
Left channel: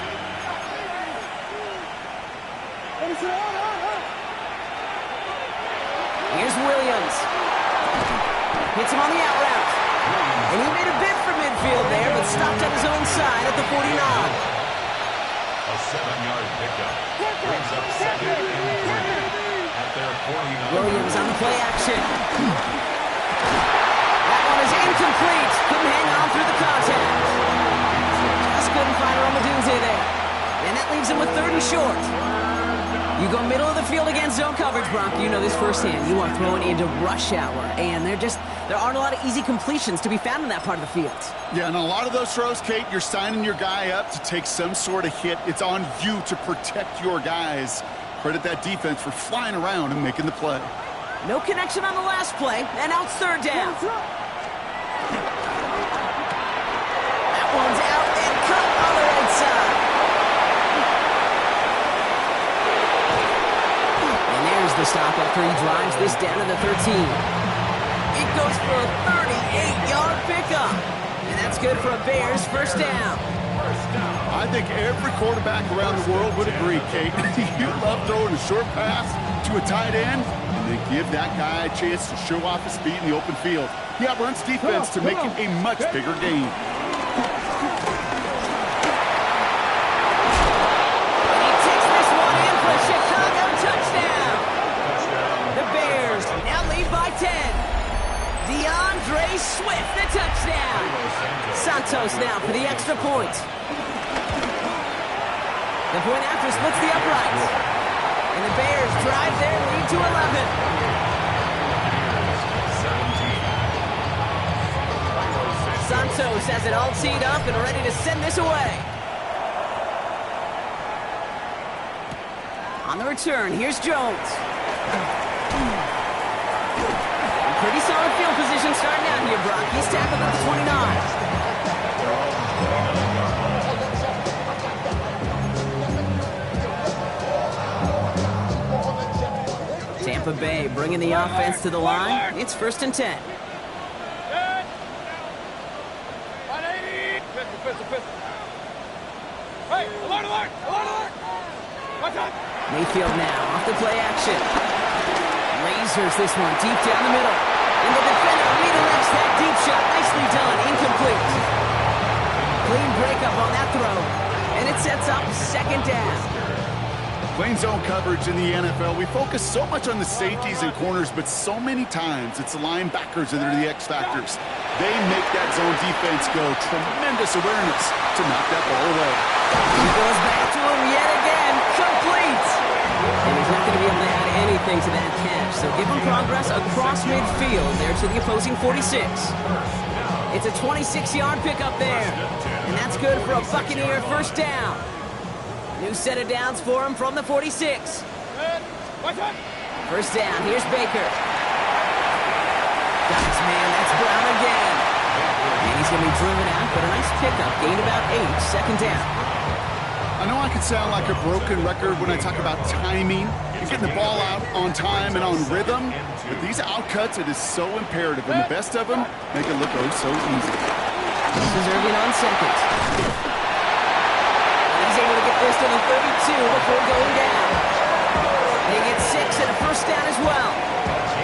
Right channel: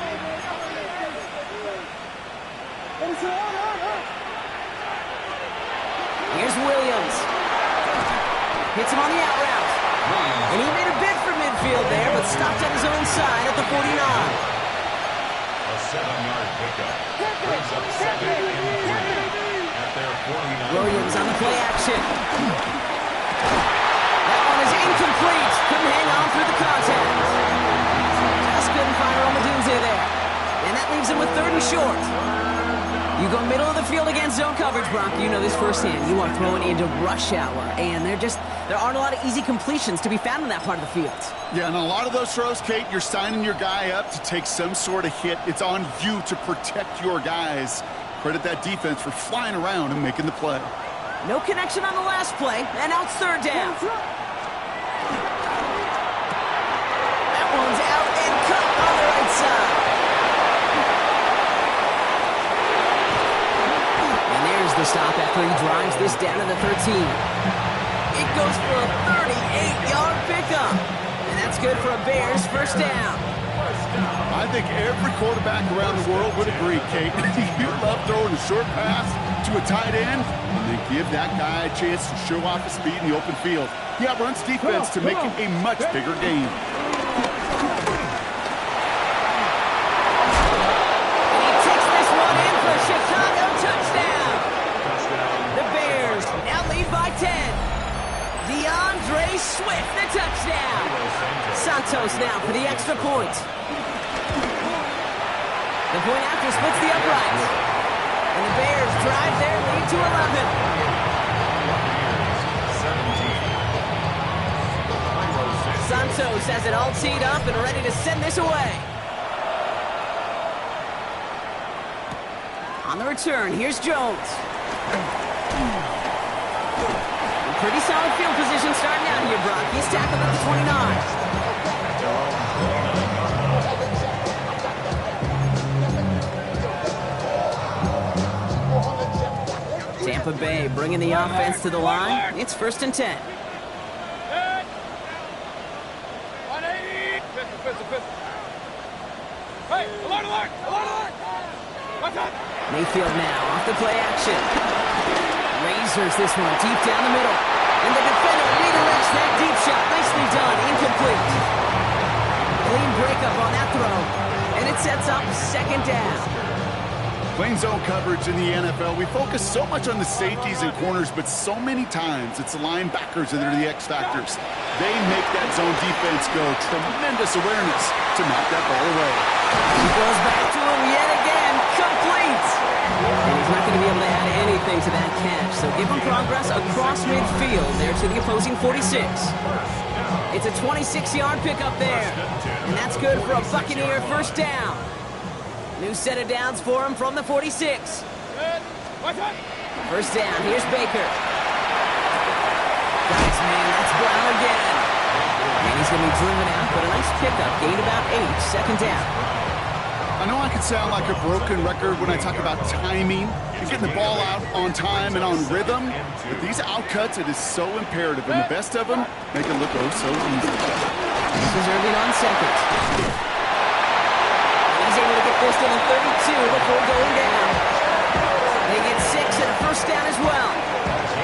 Williams. Hits him on the out route. And he made a bid for midfield there, but stopped on his own side at the 49. A 7-yard pickup. Brings up second and 3 at their 49. Williams on the play action. That one is incomplete. Couldn't hang on through the contact. Just couldn't find Romadunze there. And that leaves him with third and short. You go middle of the field against zone coverage, Bronco. You know this firsthand. You are throwing into rush hour. And there aren't a lot of easy completions to be found in that part of the field. Yeah, and a lot of those throws, Kate, you're signing your guy up to take some sort of hit. It's on you to protect your guys. Credit that defense for flying around and making the play. No connection on the last play, and now it's third down. That one's out and cut on the right side. And there's the stop after he drives this down to the 13. It goes for a 38-yard pickup. And that's good for a Bears first down. I think every quarterback around the world would agree, Kate. You love throwing a short pass to a tight end and then give that guy a chance to show off his speed in the open field. He outruns defense to make it a much bigger game. And he takes this one in for a Chicago touchdown. The Bears now lead by 10. DeAndre Swift, the touchdown. Santos now for the extra point. The point after splits the uprights. And the Bears drive their lead to 11. Santos has it all teed up and ready to send this away. On the return, here's Jones. Pretty solid field position starting out here, Brock. He's tackled at the 29. Tampa Bay bringing the offense to the line. It's 1st and 10. Good. 180. Pistol. Hey, alert. Watch out. Mayfield now off the play action. Lasers this one deep down the middle. And the defender redirects that deep shot. Nicely done. Incomplete. Clean breakup on that throw. And it sets up 2nd down. Playing zone coverage in the NFL, we focus so much on the safeties and corners, but so many times it's the linebackers that are the X factors. They make that zone defense go. Tremendous awareness to knock that ball away. He goes back to him yet again. Complete. And he's not going to be able to add anything to that catch. So give him progress across midfield there to the opposing 46. It's a 26-yard pickup there. And that's good for a Buccaneer 1st down. New set of downs for him from the 46. Good. Watch out. 1st down. Here's Baker. Guys, man, that's Brown again. And he's going to be driven out, but a nice pickup. Gained about 8. 2nd down. I know I can sound like a broken record when I talk about timing and getting the ball out on time and on rhythm, but these outcuts, it is so imperative, and the best of them make it look oh so easy. This is Irving on 2nd. He's able to get this to the 32 before going down. They get 6 and a 1st down as well.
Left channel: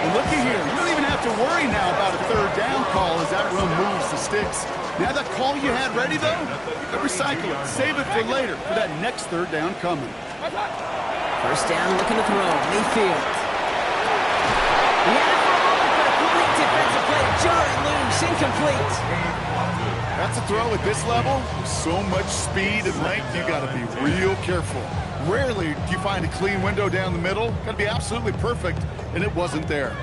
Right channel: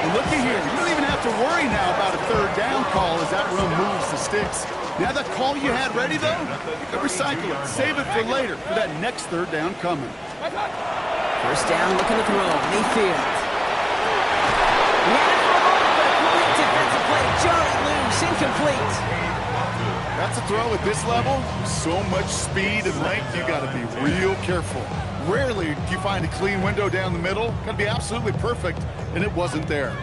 And looky here, you don't even have to worry now about a 3rd down call as that room moves the sticks. Now that call you had ready, though, you can recycle it, save it for later for that next 3rd down coming. 1st down, looking to throw. Mayfield. He had it for a moment, but a quick defensive play to jar it loose. Incomplete. That's a throw at this level. So much speed and length, you got to be real careful. Rarely do you find a clean window down the middle. Got to be absolutely perfect, and it wasn't there.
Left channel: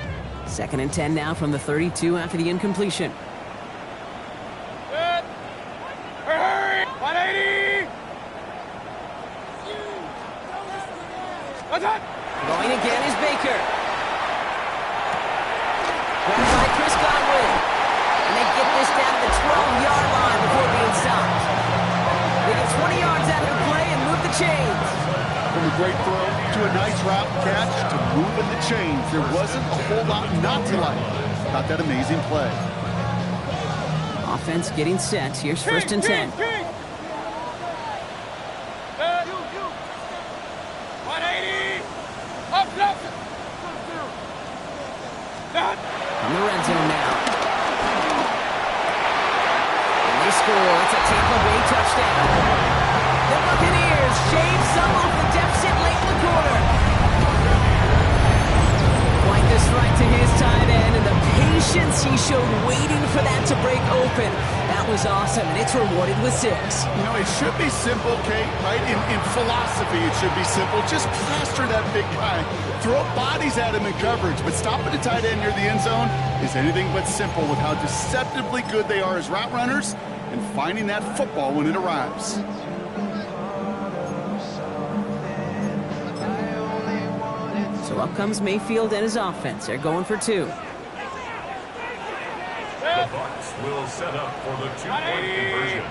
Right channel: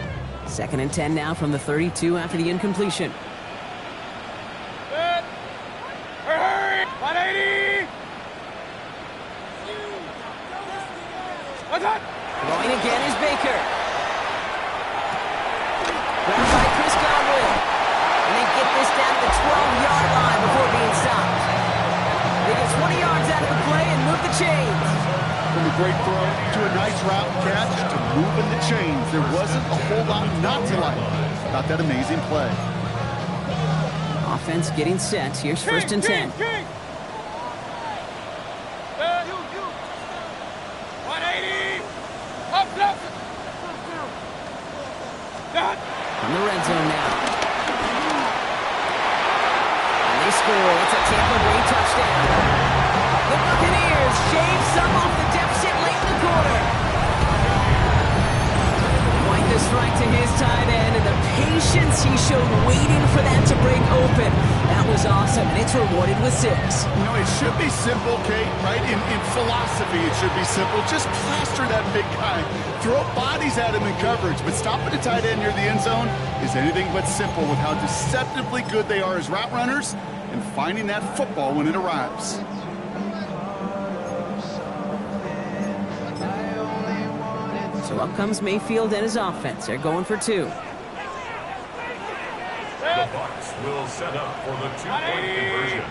2nd and 10 now from the 32 after the incompletion. Good. Hurry. 180. Watch out. Going again is Baker. Grabbed by Chris Godwin. And they get this down to the 12-yard line before being stopped. They get 20 yards out of the play and move the chains. From a great throw to a nice route catch to moving the chains, there wasn't a whole lot not to like about that amazing play. Offense getting set. Here's 1st and 10. Good. 180. Up. Done. From the red zone now. And they score. It's a Tampa Bay touchdown. The Buccaneers shave some off the deficit late in the quarter. Quite the strike to his tight end, and the patience he showed waiting for that to break open. That was awesome, and it's rewarded with 6. You know, it should be simple, Kate, right? In philosophy, it should be simple. Just plaster that big guy. Throw bodies at him in coverage, but stopping a tight end near the end zone is anything but simple with how deceptively good they are as route runners and finding that football when it arrives. So up comes Mayfield and his offense. They're going for 2. The Bucs will set up for the 2-point conversion.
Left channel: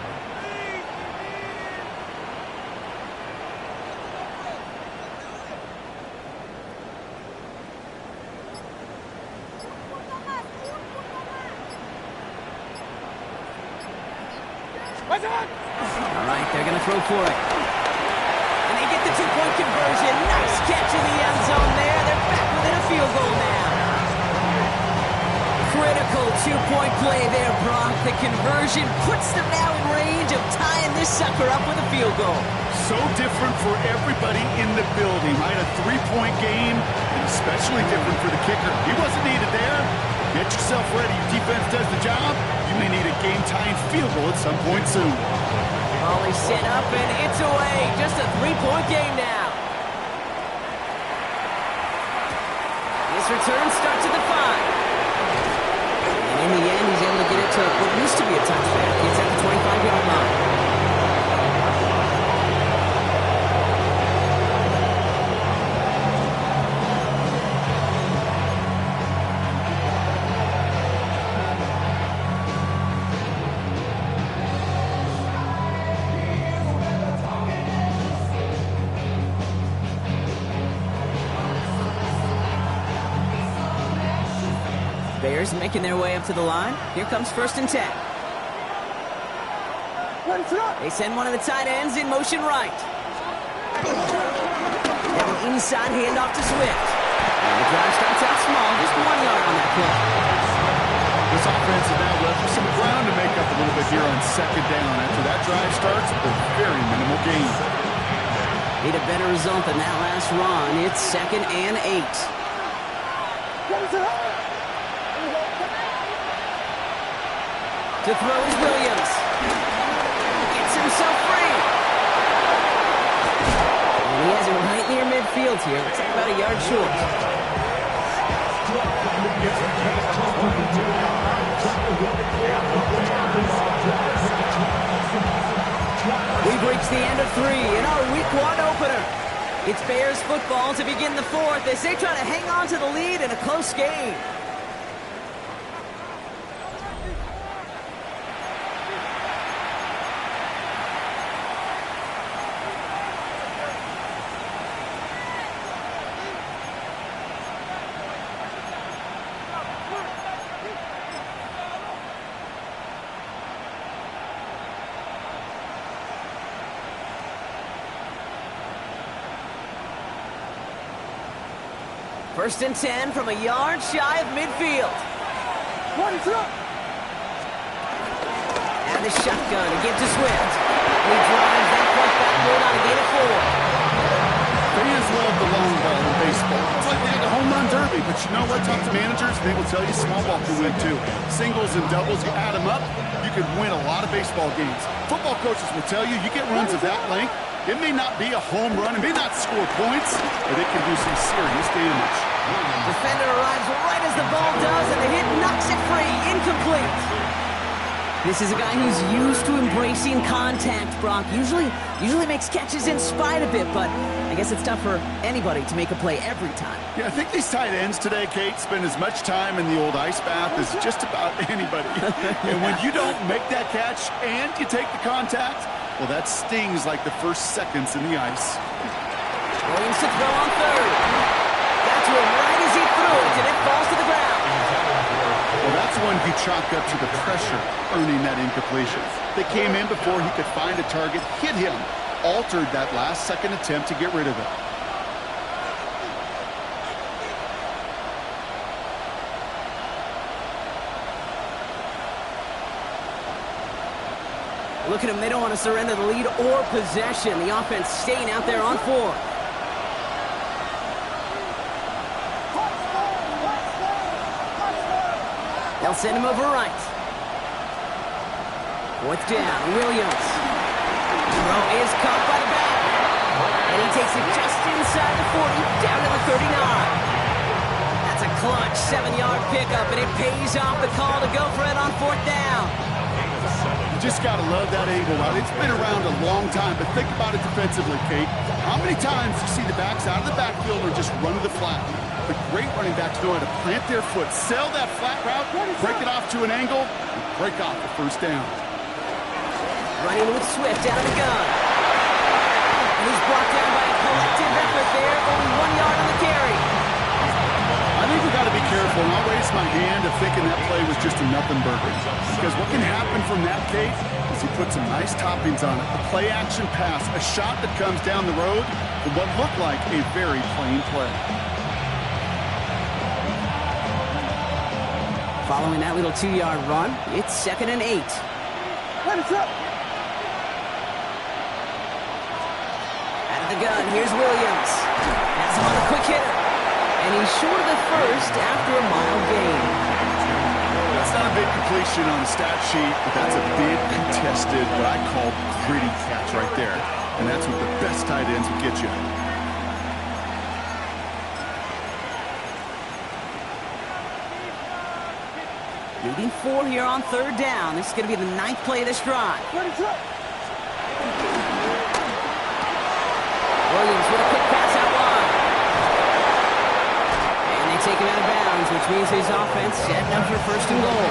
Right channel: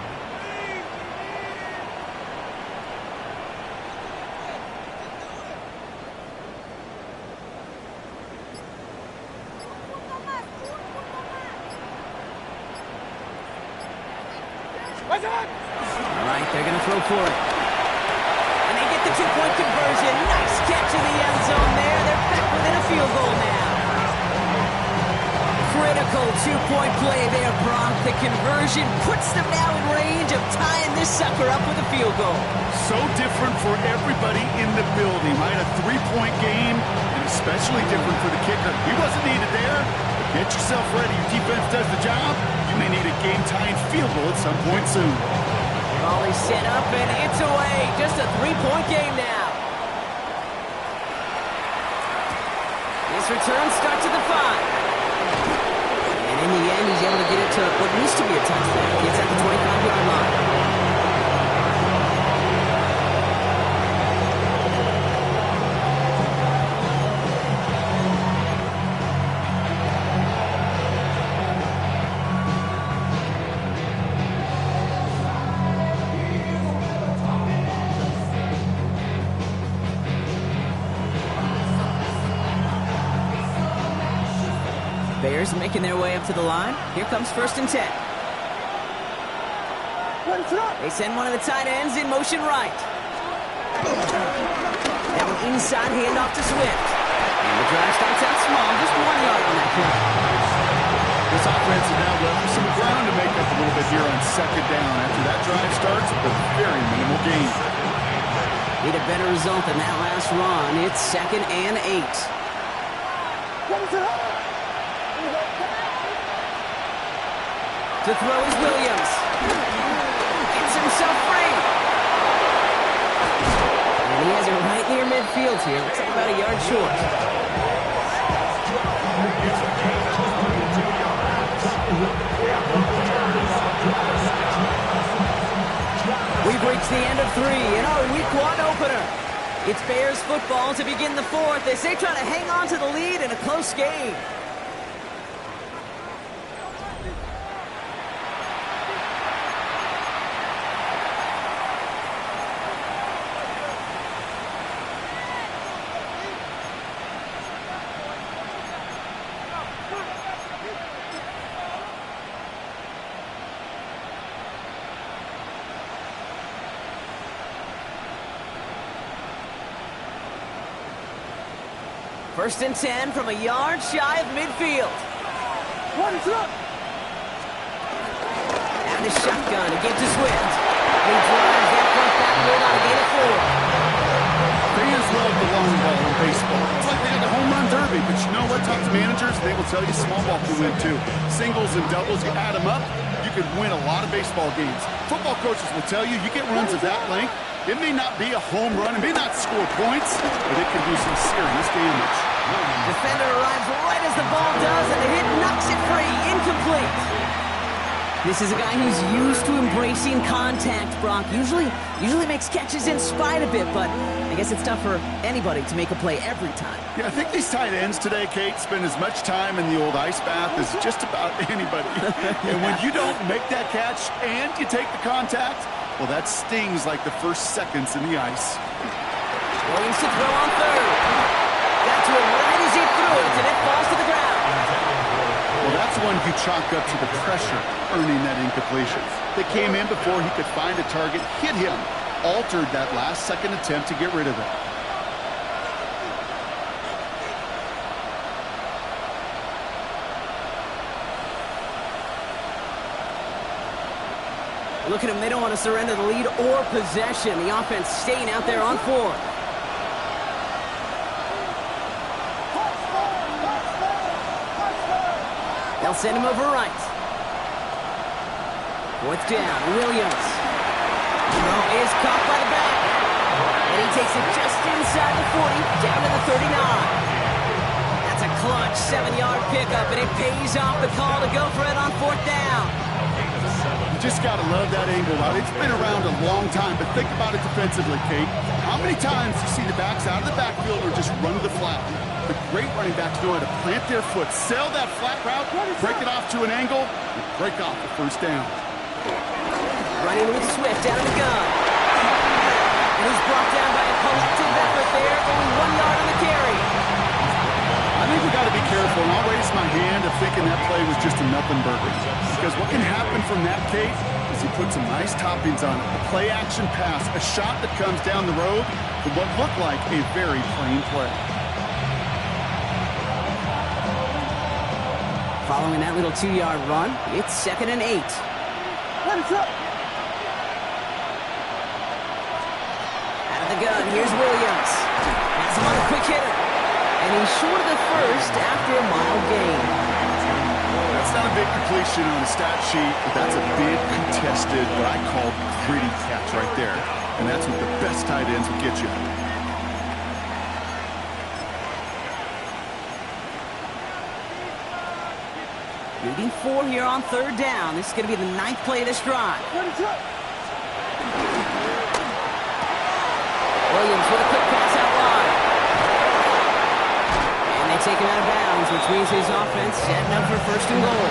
Watch out. All right, they're going to throw for it. And they get the 2-point conversion. Nice catch in the end zone there. They're back within a field goal now. Critical 2-point play there, Brock. The conversion puts them now in range of tying this sucker up with a field goal. So different for everybody in the building, right? A 3-point game, and especially different for the kicker. He wasn't needed there. But get yourself ready. Your defense does the job. You may need a game-tying field goal at some point soon. Ball is set up, and it's away. Just a 3-point game now. This return starts at the 5. And in the end, he's able to get it to what used to be a touchback. It's at the 25-yard line. Bears making their way up to the line. Here comes 1st and 10. They send one of the tight ends in motion right. Now an inside handoff to Swift. And the drive starts out small, just 1 yard on that play. This offense is now left with some ground to make up a little bit here on 2nd down. After that drive starts with a very minimal gain. Need a better result than that last run. It's 2nd and 8. To throw is Williams. Gets himself free. And he has it right near midfield here. Looks like about a yard short. We've reached the end of 3 in our week 1 opener. It's Bears football to begin the 4th as they try to hang on to the lead in a close game. First and 10 from a yard shy of midfield. And the shotgun to give to Swift. And he drives that front backward on a gain of 4. Fans love the long ball in baseball. It's like they had a home run derby, but you know what? Talk to managers, they will tell you small ball can win too. Singles and doubles, you add them up, you could win a lot of baseball games. Football coaches will tell you, you get runs of that length, it may not be a home run, it may not score points, but it can do some serious damage. Defender arrives right as the ball does, and the hit knocks it free. Incomplete. This is a guy who's used to embracing contact, Brock. Usually makes catches in spite of it, but I guess it's tough for anybody to make a play every time. Yeah, I think these tight ends today, Kate, spend as much time in the old ice bath as just about anybody. And when you don't make that catch and you take the contact, well, that stings like the first seconds in the ice. Williams to throw on 3rd. Got to him right as he threw it, and it falls to the ground. Well, that's one you chalk up to the pressure earning that incompletion. They came in before he could find a target, hit him, altered that last-second attempt to get rid of it. Look at them. They don't want to surrender the lead or possession. The offense staying out there on 4. They'll send him over right. 4th down. Williams. Throw is caught by the back. And he takes it just inside the 40, down to the 39. That's a clutch 7-yard pickup, and it pays off the call to go for it on 4th down. You just got to love that angle route. It's been around a long time, but think about it defensively, Kate. How many times do you see the backs out of the backfield or just run to the flat? The great running backs know how to plant their foot, sell that flat route, break it off to an angle, and break off the 1st down. Running with Swift out of the gun. And he's brought down by a collective effort there, only 1 yard on the carry. I think we got to be careful, and I'll raise my hand of thinking that play was just a nothing burger. Because what can happen from that, Kate, is he put some nice toppings on it. A play-action pass, a shot that comes down the road from what looked like a very plain play. Following that little 2-yard run, it's 2nd and 8. Out of the gun, here's Williams. Has him on a quick hitter. And he's short of the 1st after a mile gain. That's not a big completion on the stat sheet, but that's a big contested, what I call gritty catch right there. And that's what the best tight ends will get you. Leading 4 here on 3rd down. This is going to be the 9th play of this drive. Williams with a quick pass out wide. And they take him out of bounds, which means his offense setting up for 1st and goal.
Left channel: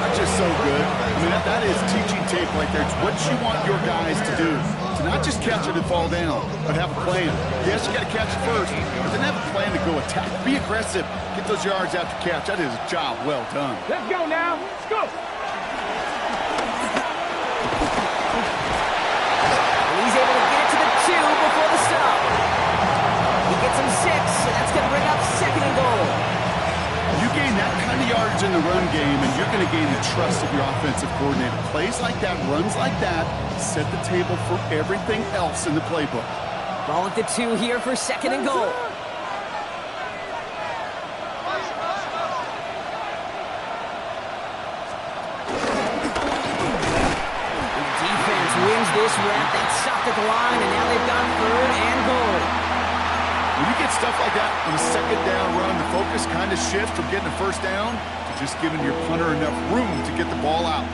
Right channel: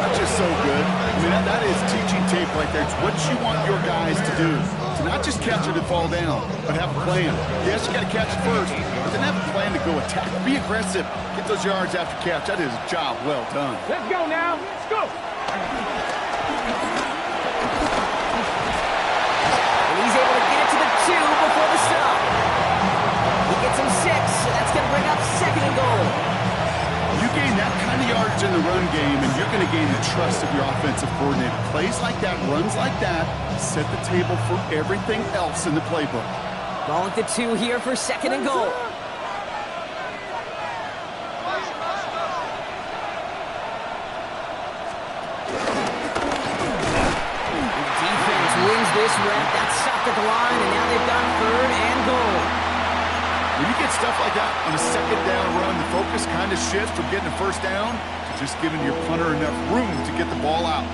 That's just so good. I mean, that is teaching tape right there. It's what you want your guys to do. To not just catch it and fall down, but have a plan. Yes, you got to catch it first, but then have a plan to Go attack. Be aggressive. Get those yards after catch. That is a job well done. Let's go now. Let's go. And he's able to get it to the 2 before the stop. He gets him 6, and that's going to bring up 2nd and goal. You gain that kind of yardage in the run game, and you're going to gain the trust of your offensive coordinator. Plays like that, runs like that, set the table for everything else in the playbook. Ball at the 2 here for 2nd and goal. Wins this rep. That's stopped at the line, and now they've got 3rd and goal. When you get stuff like that on a 2nd down run, the focus kind of shifts from getting a 1st down to just giving your punter enough room to get the ball out.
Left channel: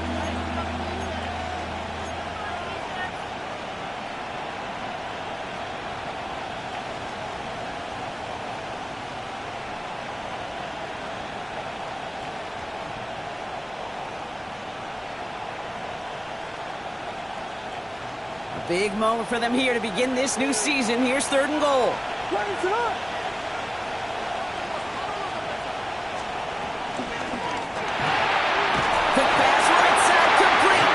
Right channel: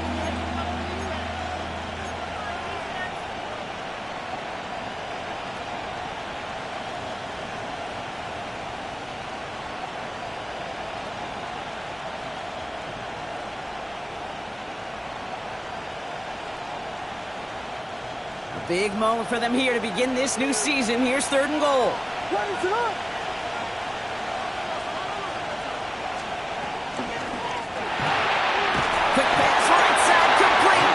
Big moment for them here to begin this new season. Here's 3rd and goal. Quick pass, right side, complete.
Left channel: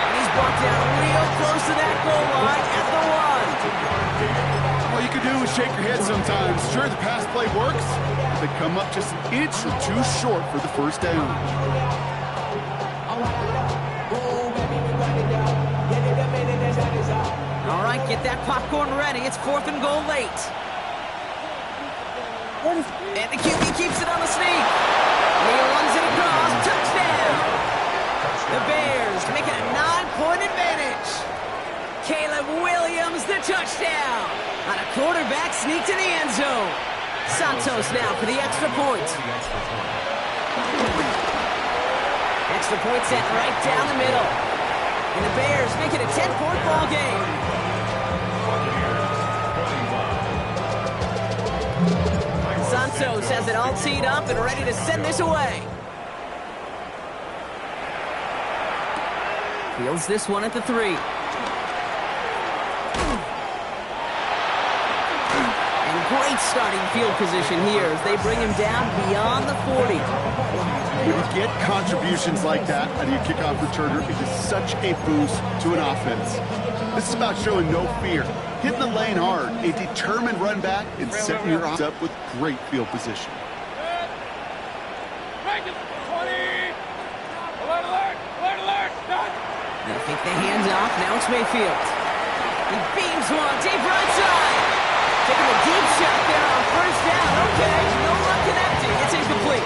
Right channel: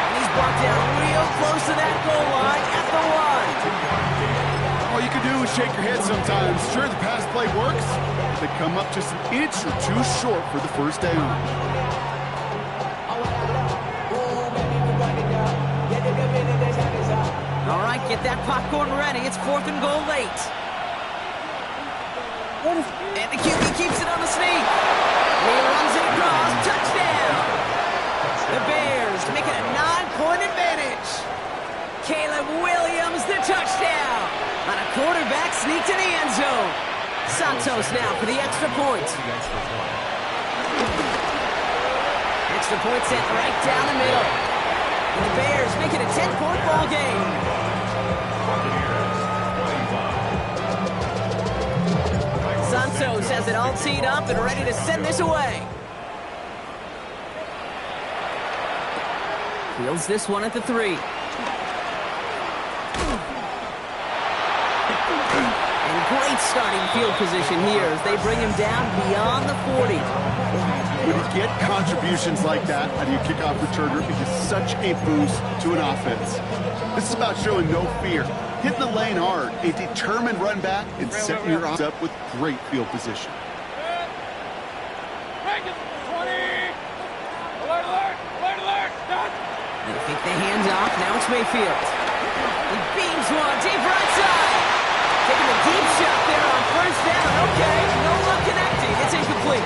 And he's brought down real close to that goal line at the 1. All you can do is shake your head sometimes. Sure, the pass play works, but they come up just an inch or 2 short for the 1st down. All right, get that popcorn ready. It's 4th and goal late. And the QB keeps it on the sneak. He runs it across. Touchdown. The Bears make it a 9-point advantage. Caleb Williams, the touchdown. On a quarterback sneak to the end zone. Santos now for the extra point. Extra point set right down the middle. And the Bears make it a 10-point ball game. Santos has it all teed up and ready to send this away. Fields this one at the 3. And great starting field position here as they bring him down beyond the 40. When you get contributions like that out of your kickoff returner, it is such a boost to an offense. This is about showing no fear, hitting the lane hard, a determined run back, and setting your offense up with great field position. Rank is 20. Alert, alert, alert, alert. Done. They fake the hands off. Now it's Mayfield. He beams one deep right side. Taking the deep shot there on 1st down. Okay, no luck connecting. It's incomplete.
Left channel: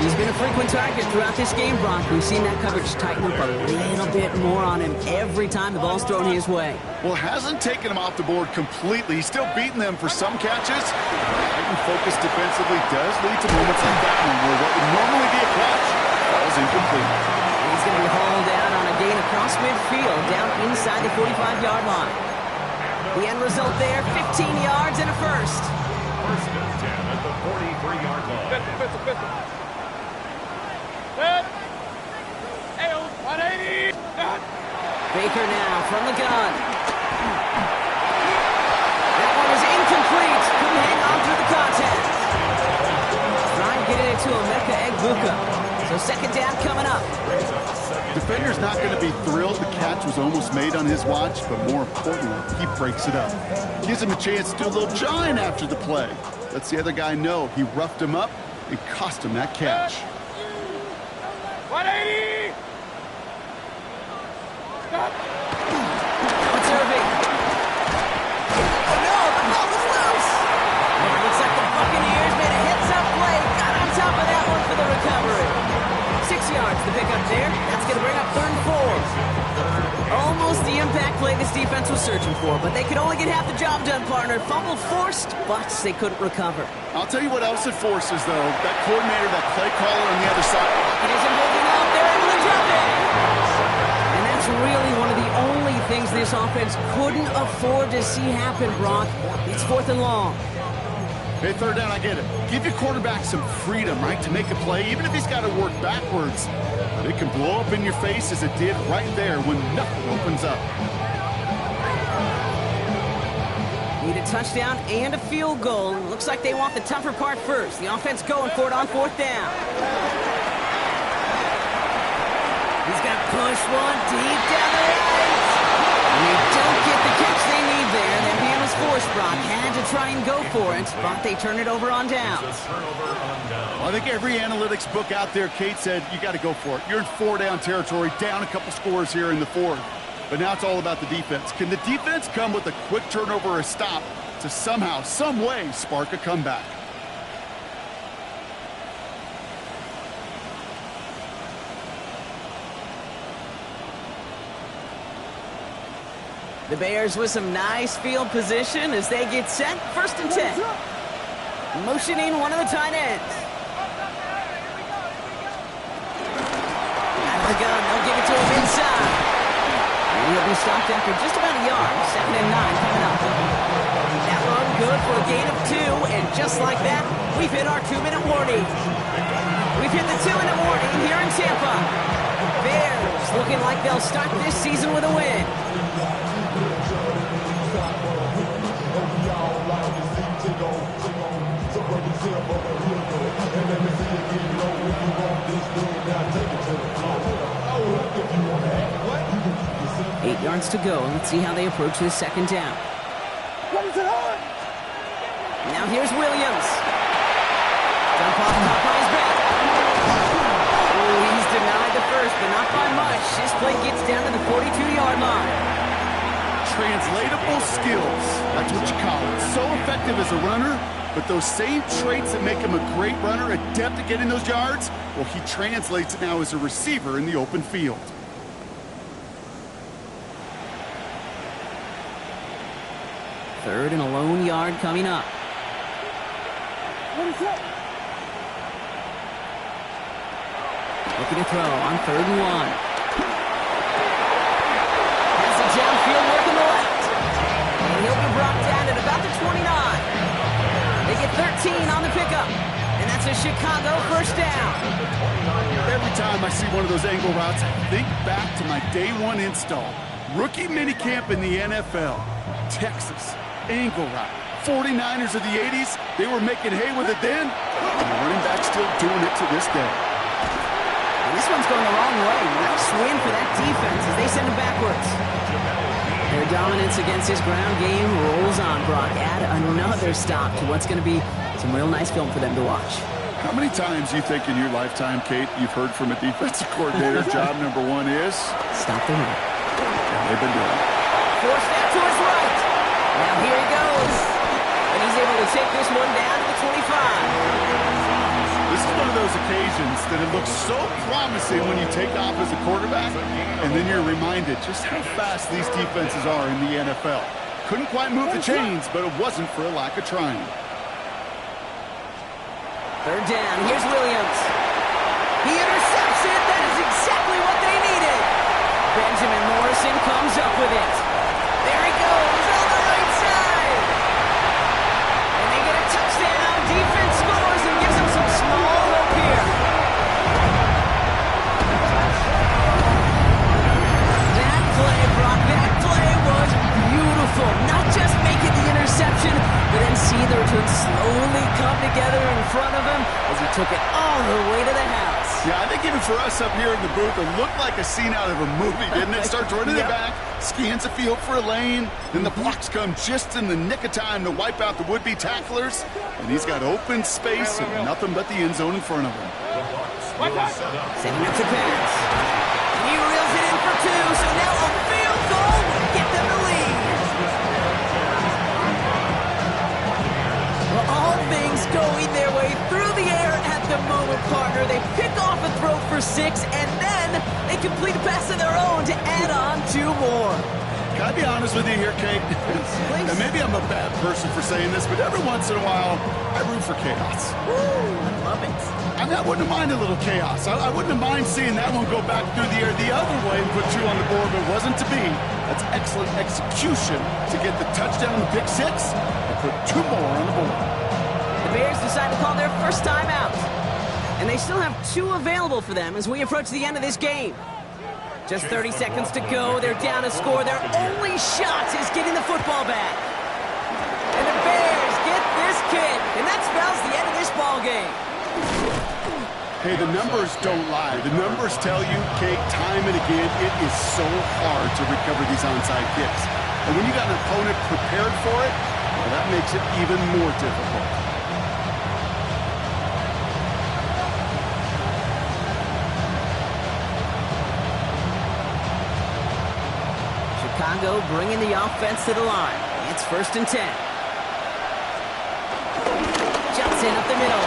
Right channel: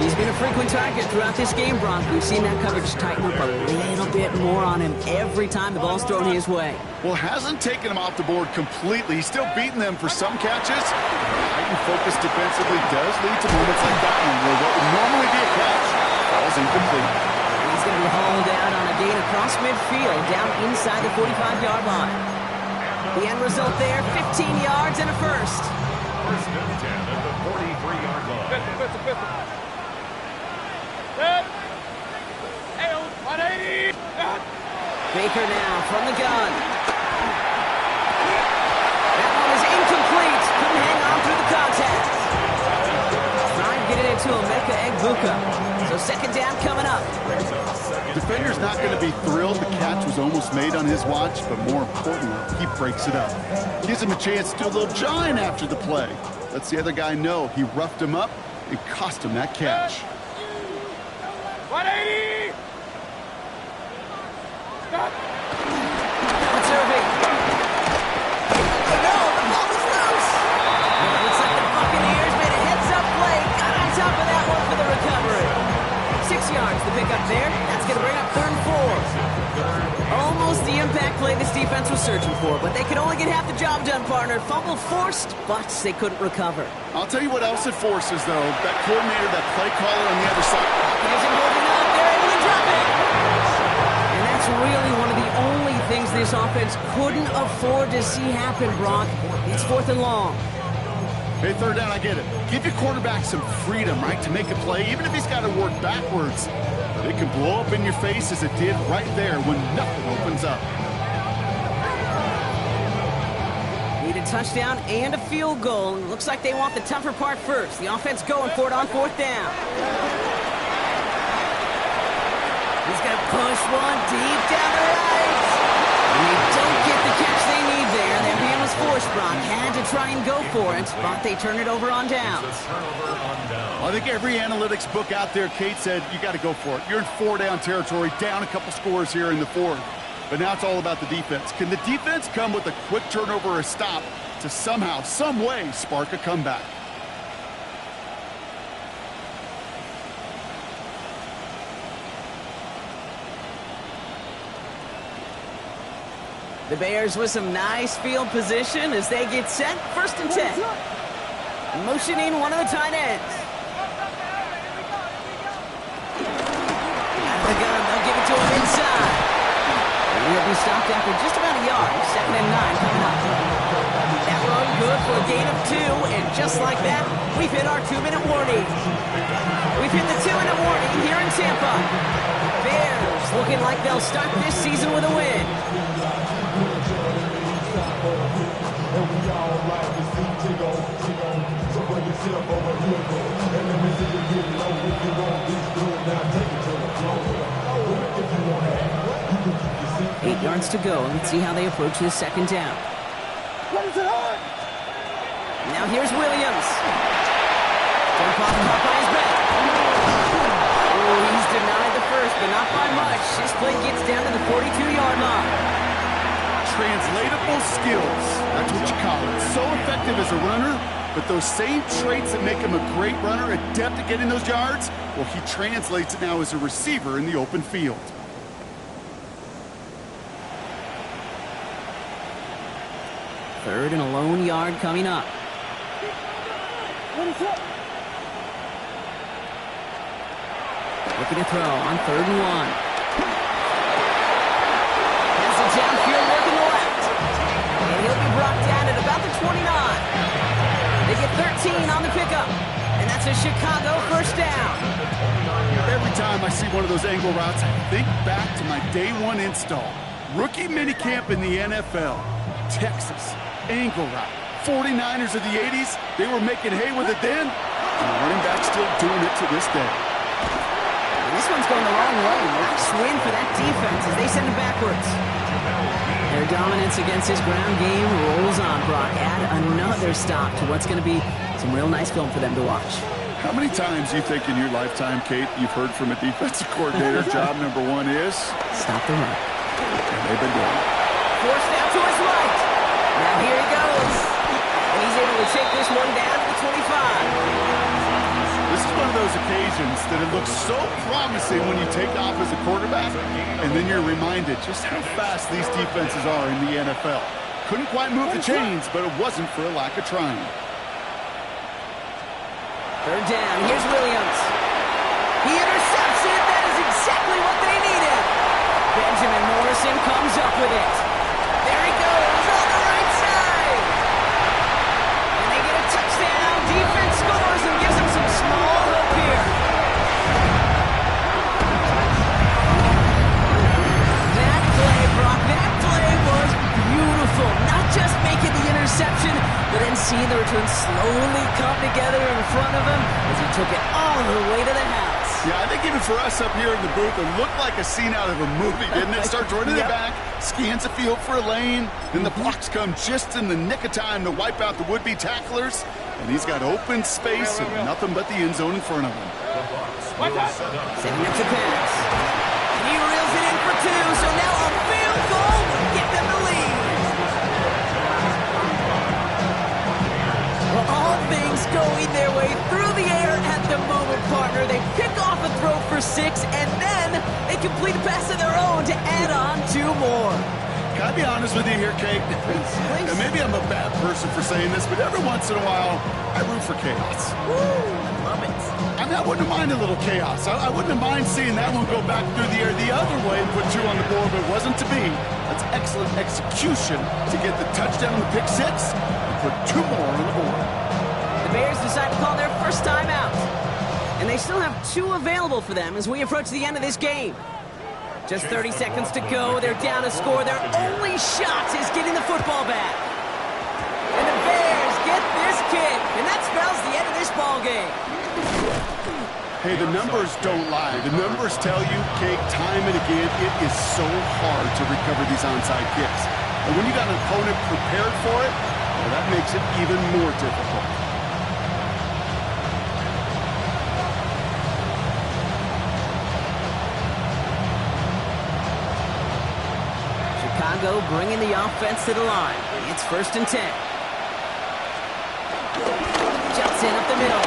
He's been a frequent target throughout this game, Brock. We've seen that coverage tighten up a little bit more on him every time the ball's thrown his way. Well, hasn't taken him off the board completely. He's still beating them for some catches. Heightened focus defensively does lead to moments like that one where what would normally be a catch falls incomplete. He's going to be hauled out on a gain across midfield, down inside the 45-yard line. The end result there, 15 yards and a 1st. 1st and 10 at the 43-yard line. Pistol. Set. 180. Done. Baker now from the gun. That one is incomplete. Couldn't hang on through the contact. Trying to get it into Emeka Egbuka. So 2nd down coming up. Defender's not going to be thrilled the catch was almost made on his watch, but more importantly, he breaks it up. Gives him a chance to do a little jawing after the play. Lets the other guy know he roughed him up and cost him that catch. 180. Done. It's Irving. Oh no, the ball is loose. And it looks like the Buccaneers made a heads-up play. Got on top of that one for the recovery. 6 yards to pick up there. That's going to bring up 3rd and 4. Almost the impact play this defense was searching for, but they could only get half the job done, partner. Fumble forced, but they couldn't recover. I'll tell you what else it forces, though. That coordinator, that play caller on the other side. It isn't holding up. They're able to drop it. And that's really one of the only things this offense couldn't afford to see happen, Brock. It's 4th and long. Hey, 3rd down, I get it. Give your quarterback some freedom, right, to make a play, even if he's got to work backwards. But it can blow up in your face as it did right there when nothing opens up. Need a a touchdown and a field goal. And it looks like they want the tougher part first. The offense going for it on 4th down. He's going to push one deep down the right. And they don't get the catch they need there. Their man was forced, Brock. Had to try and go for it, but they turn it over on downs. It's a turnover on down. Well, I think every analytics book out there, Kate, said you got to go for it. You're in 4-down territory, down a couple scores here in the 4th. But now it's all about the defense. Can the defense come with a quick turnover or a stop to somehow, some way, spark a comeback? The Bears with some nice field position as they get set. 1st and 10. Motioning one of the tight ends. Out of the gun, they'll give it to him inside. And he'll be stopped after just about a yard. 2nd and 9 coming up. That run good for a gain of 2, and just like that, we've hit our 2-minute warning. We've hit the 2-minute warning here in Tampa. Bears looking like they'll start this season with a win. Eight yards to go. Let's see how they approach this 2nd down. Now here's Williams. Jump off caught by his back. Oh, he's denied the first, but not by much. His play gets down to the 42-yard line. Translatable skills. That's what you call it. So effective as a runner, but those same traits that make him a great runner, adept at getting those yards, well, he translates it now as a receiver in the open field. Third and a lone yard coming up. Looking to throw on 3rd and 1. Has the downfield work in the left. And he'll be brought down at about the 29. They get 13 on the pickup. And that's a Chicago 1st down. Every time I see one of those angle routes, I think back to my day 1 install. Rookie minicamp in the NFL. Texas. Angle route. 49ers of the 80s, they were making hay with it then, and the running back's still doing it to this day. And this one's going the wrong way. Nice win for that defense as they send him backwards. Their dominance against this ground game rolls on, Brock. Add another stop to what's going to be some real nice film for them to watch. How many times do you think in your lifetime, Kate, you've heard from a defensive coordinator, job number 1 is? Stop the run. And they've been doing it. Forced out to his right. Now here he goes. And he's able to take this one down to the 25. This is one of those occasions that it looks so promising when you take off as a quarterback, and then you're reminded just how fast these defenses are in the NFL. Couldn't quite move the chains, but it wasn't for a lack of trying. 3rd down. Here's Williams. He intercepts it. That is exactly what they needed. Benjamin Morrison comes up with it. There he goes on the right side. And they get a touchdown. Defense scores and gives them some small hope here. That play, Brock, that play was beautiful. Not just making the interception, but then seeing the return slowly come together in front of him as he took it all the way to the house. Yeah, I think even for us up here in the booth, it looked like a scene out of a movie, didn't it? Starts running it back, scans the field for a lane, then the blocks come just in the nick of time to wipe out the would-be tacklers, and he's got open space and nothing but the end zone in front of him. Setting up to pass. And he reels it in for 2, so now a field goal will get them the lead. Well, all things going their way through the air at the moment, partner. They pick off a throw for 6, and then they complete a pass of their own to add on 2 more. Can I be honest with you here, Kate? Please. And maybe I'm a bad person for saying this, but every once in a while, I root for chaos. Woo, I love it. I mean, I wouldn't have minded a little chaos. I wouldn't have minded seeing that one go back through the air the other way and put 2 on the board, but it wasn't to be. That's excellent execution to get the touchdown on the pick 6 and put 2 more on the board. The Bears decide to call their first timeout. And they still have 2 available for them as we approach the end of this game. Just 30 seconds to go. They're down a score. Their only shot is getting the football back. spells the end of this ball game. Hey, the numbers don't lie. The numbers tell you, Kate, time and again, it is so hard to recover these onside kicks. And when you got an opponent prepared for it, well, that makes it even more difficult. Chicago bringing the offense to the line. It's 1st and 10. Jumps in up the middle.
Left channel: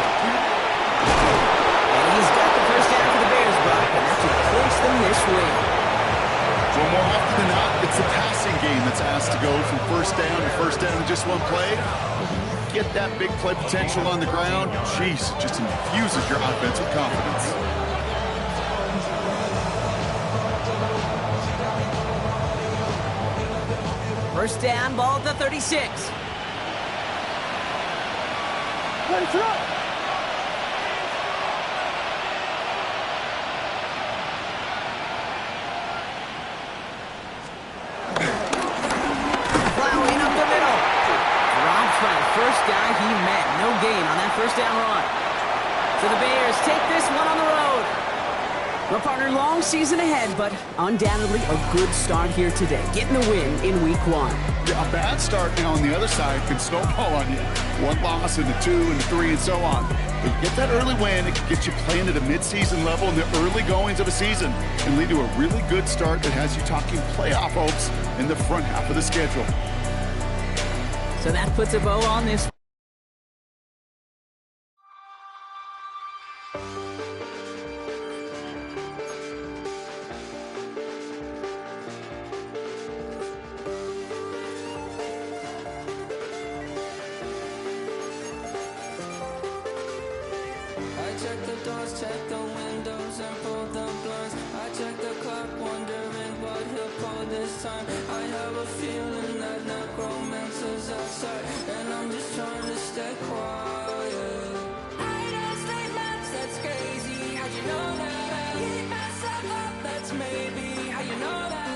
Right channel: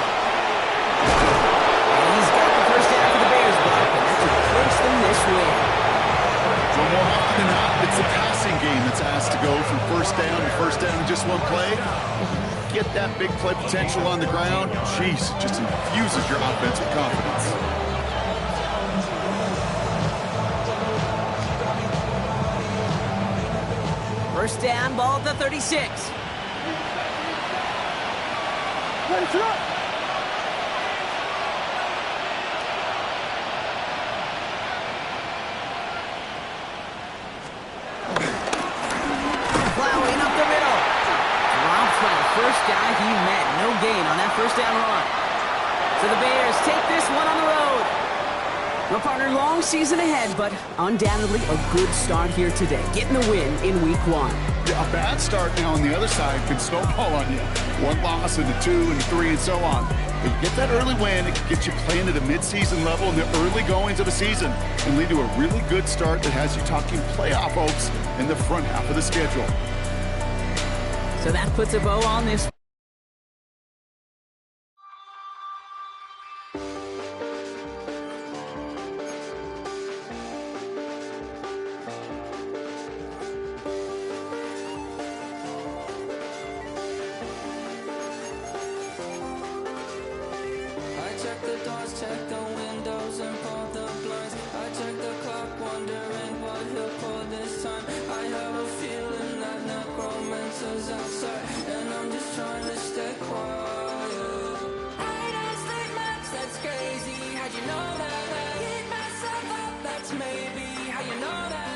And he's got the first down for the Bears, Brock, and that should clinch them this win. So more often than not, it's the passing game that's asked to go from first down in just one play. Get that big play potential on the ground. Jeez, it just infuses your offense with confidence. First down, ball at the 36. Ready, set up. Plowing up the middle. Dropped by the first guy he met. No gain on that first down run. So the Bears take this one on the road. Well, partner, long season ahead, but undoubtedly a good start here today. Getting the win in week 1. Yeah, a bad start now on the other side can snowball on you. 1 loss into 2 and 3 and so on. But you get that early win, it can get you playing at a midseason level in the early goings of a season and lead to a really good start that has you talking playoff hopes in the front half of the schedule. So that puts a bow on this. I check the doors, check the windows, and pull the blinds. I check the clock, wondering what he'll pull this time. I have a feeling that necromancer's outside, and I'm just trying to stay quiet. I don't sleep much, that's crazy. How'd you know that? Keep myself up, that's maybe how you know that.